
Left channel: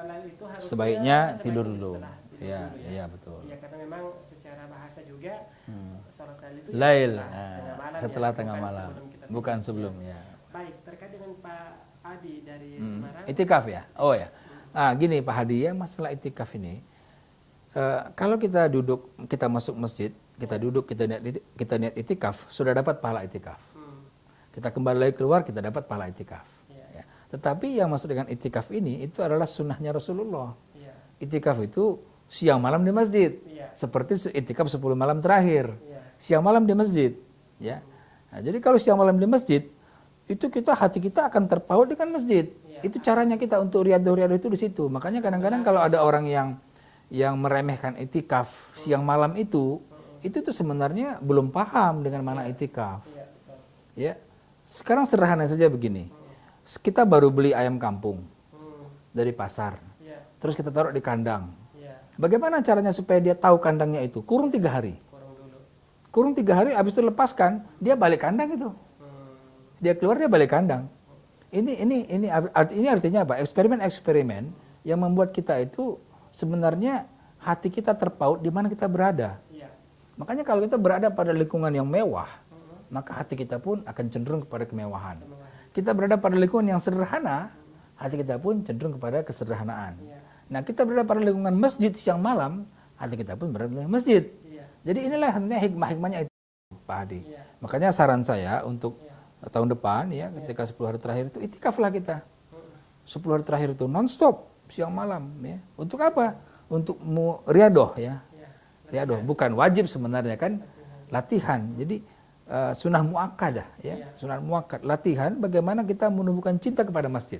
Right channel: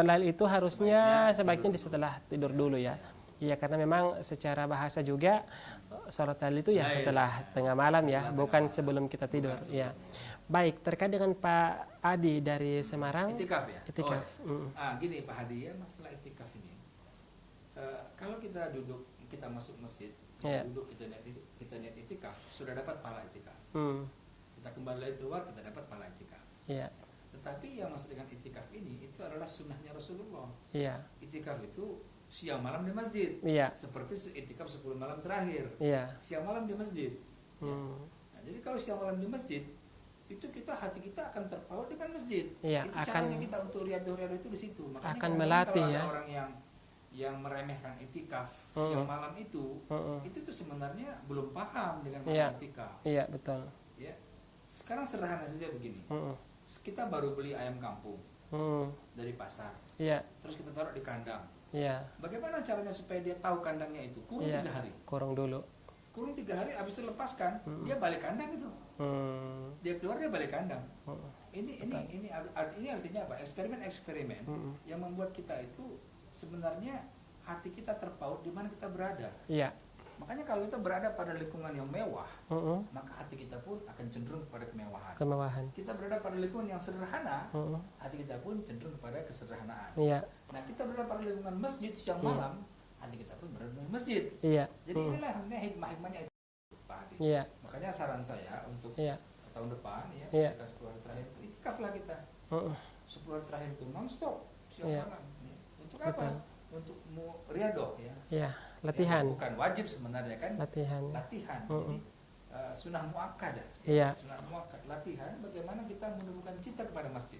lail itu harusnya sebaiknya setelah tidur dulu ya. Iya, karena memang secara bahasa juga sholat lail itu ya setelah tengah malam ya, bukan sebelum kita tidur. Bukan sebelum, Baik, terkait dengan Pak Adi dari Semarang. Itikaf ya? Itikaf. Oh ya. Gini Pak Hadi ya, masalah itikaf ini. Kalau kita duduk, kita masuk masjid, kita duduk, kita niat itikaf, sudah dapat pahala itikaf. Kita kembali lagi keluar, kita dapat pahala itikaf. Ya. Tetapi yang masuk dengan itikaf ini, itu adalah sunnahnya Rasulullah. Itikaf itu siang malam di masjid, seperti itikaf 10 malam terakhir, siang malam di masjid. Ya. Nah, jadi kalau siang malam di masjid, itu hati kita akan terpaut dengan masjid. Itu caranya kita untuk riadoh-riadoh itu di situ. Makanya kadang-kadang kalau ada orang yang meremehkan itikaf siang malam itu tuh sebenarnya belum paham dengan mana itikaf. Iya, betul. Ya. Sekarang sederhana saja begini. Kita baru beli ayam kampung dari pasar. Terus kita taruh di kandang. Bagaimana caranya supaya dia tahu kandangnya itu? Kurung 3 hari. Kurung dulu. Kurung 3 hari, habis itu lepaskan, dia balik kandang itu. Dia keluar, dia balik kandang. Ini artinya apa? Eksperimen yang membuat kita itu sebenarnya hati kita terpaut di mana kita berada. Makanya kalau kita berada pada lingkungan yang mewah, maka hati kita pun akan cenderung kepada kemewahan. Kita berada pada lingkungan yang sederhana, hati kita pun cenderung kepada kesederhanaan. Nah, kita berada pada lingkungan masjid siang malam, hati kita pun berada di masjid. Jadi inilah hikmah-hikmahnya itu, Pak Hadi. Makanya saran saya untuk tahun depan ya, ketika 10 hari terakhir itu itikaflah kita. 10 hari terakhir itu non-stop siang malam ya. Untuk apa? Untuk riadoh ya. Riadoh bukan wajib sebenarnya kan. Latihan. Jadi sunnah muakkadah, ya. Iya. Sunnah muakkad, latihan bagaimana kita menumbuhkan cinta kepada masjid.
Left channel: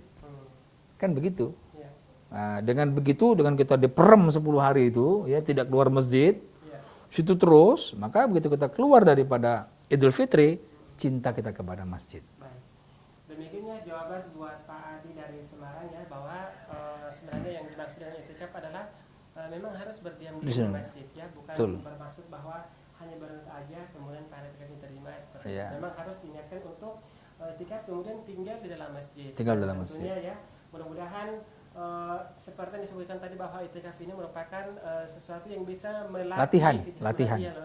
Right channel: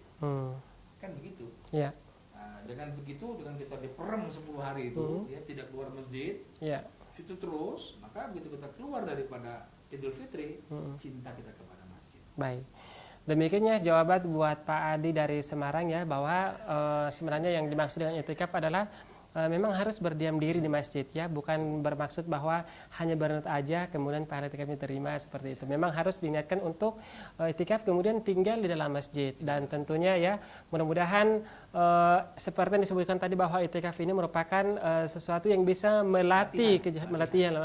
Kan begitu. Iya. Nah, dengan begitu, dengan kita diperem 10 hari itu, ya tidak keluar masjid, Iya. situ terus, maka begitu kita keluar daripada Idul Fitri, cinta kita kepada masjid. Baik. Demikiannya jawaban buat Pak Adi dari Semarang ya, bahwa sebenarnya yang dimaksud dengan itikaf adalah memang harus berdiam diri di masjid ya, bukan bermaksud bahwa hanya berniat aja kemudian pahala itikafnya diterima seperti itu. Memang harus diniatkan untuk itikaf kemudian tinggal di dalam masjid. Dan tentunya ya mudah-mudahan seperti yang disebutkan tadi bahwa itikaf ini merupakan sesuatu yang bisa melatih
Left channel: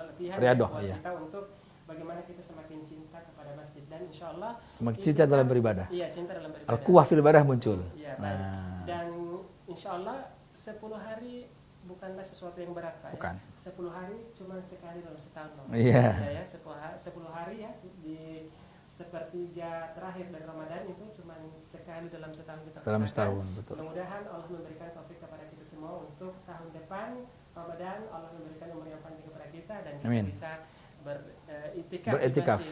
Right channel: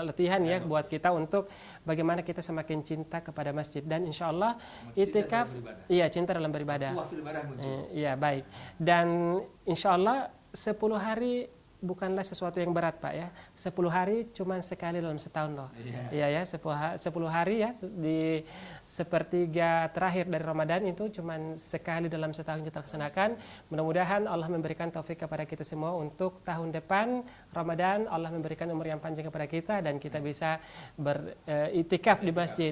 latihan ya buat kita untuk bagaimana kita semakin cinta kepada masjid, dan insya Allah cinta dalam beribadah. Iya, cinta dalam beribadah. Kuah fil ibadah muncul. Iya, baik. Dan insya Allah 10 hari bukanlah sesuatu yang berat, Pak ya. 10 hari cuma sekali dalam setahun loh. Iya ya, 10 hari ya di sepertiga terakhir dari Ramadan itu cuma sekali dalam setahun kita laksanakan. Mudah-mudahan Allah memberikan taufik kepada kita semua untuk tahun depan Ramadan Allah memberikan umur yang panjang kepada kita dan kita bisa beritikaf di masjid,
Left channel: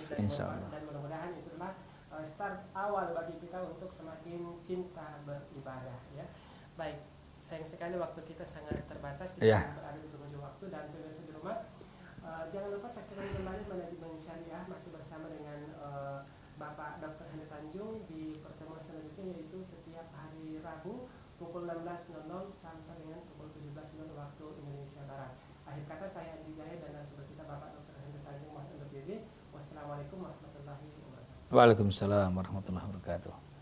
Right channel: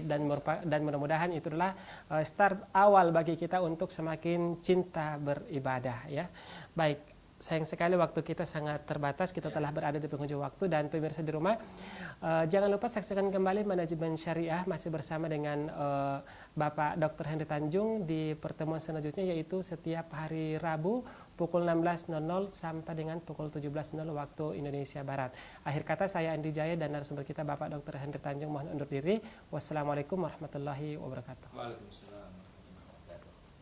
dan mudah-mudahan itulah start awal bagi kita untuk semakin cinta beribadah ya. Baik, sayang sekali waktu kita sangat terbatas, kita telah berada di penghujung waktu, dan pemirsa di rumah jangan lupa saksikan kembali Manajemen Syariah masih bersama dengan Bapak Dr. Henry Tanjung di pertemuan selanjutnya, yaitu setiap hari Rabu pukul 16.00 sampai dengan pukul 17.00 waktu Indonesia Barat. Akhir kata saya Andi Jaya dan narasumber kita Bapak Dr. Henry Tanjung mohon undur diri. Wassalamualaikum warahmatullahi wabarakatuh. Waalaikumsalam warahmatullahi wabarakatuh.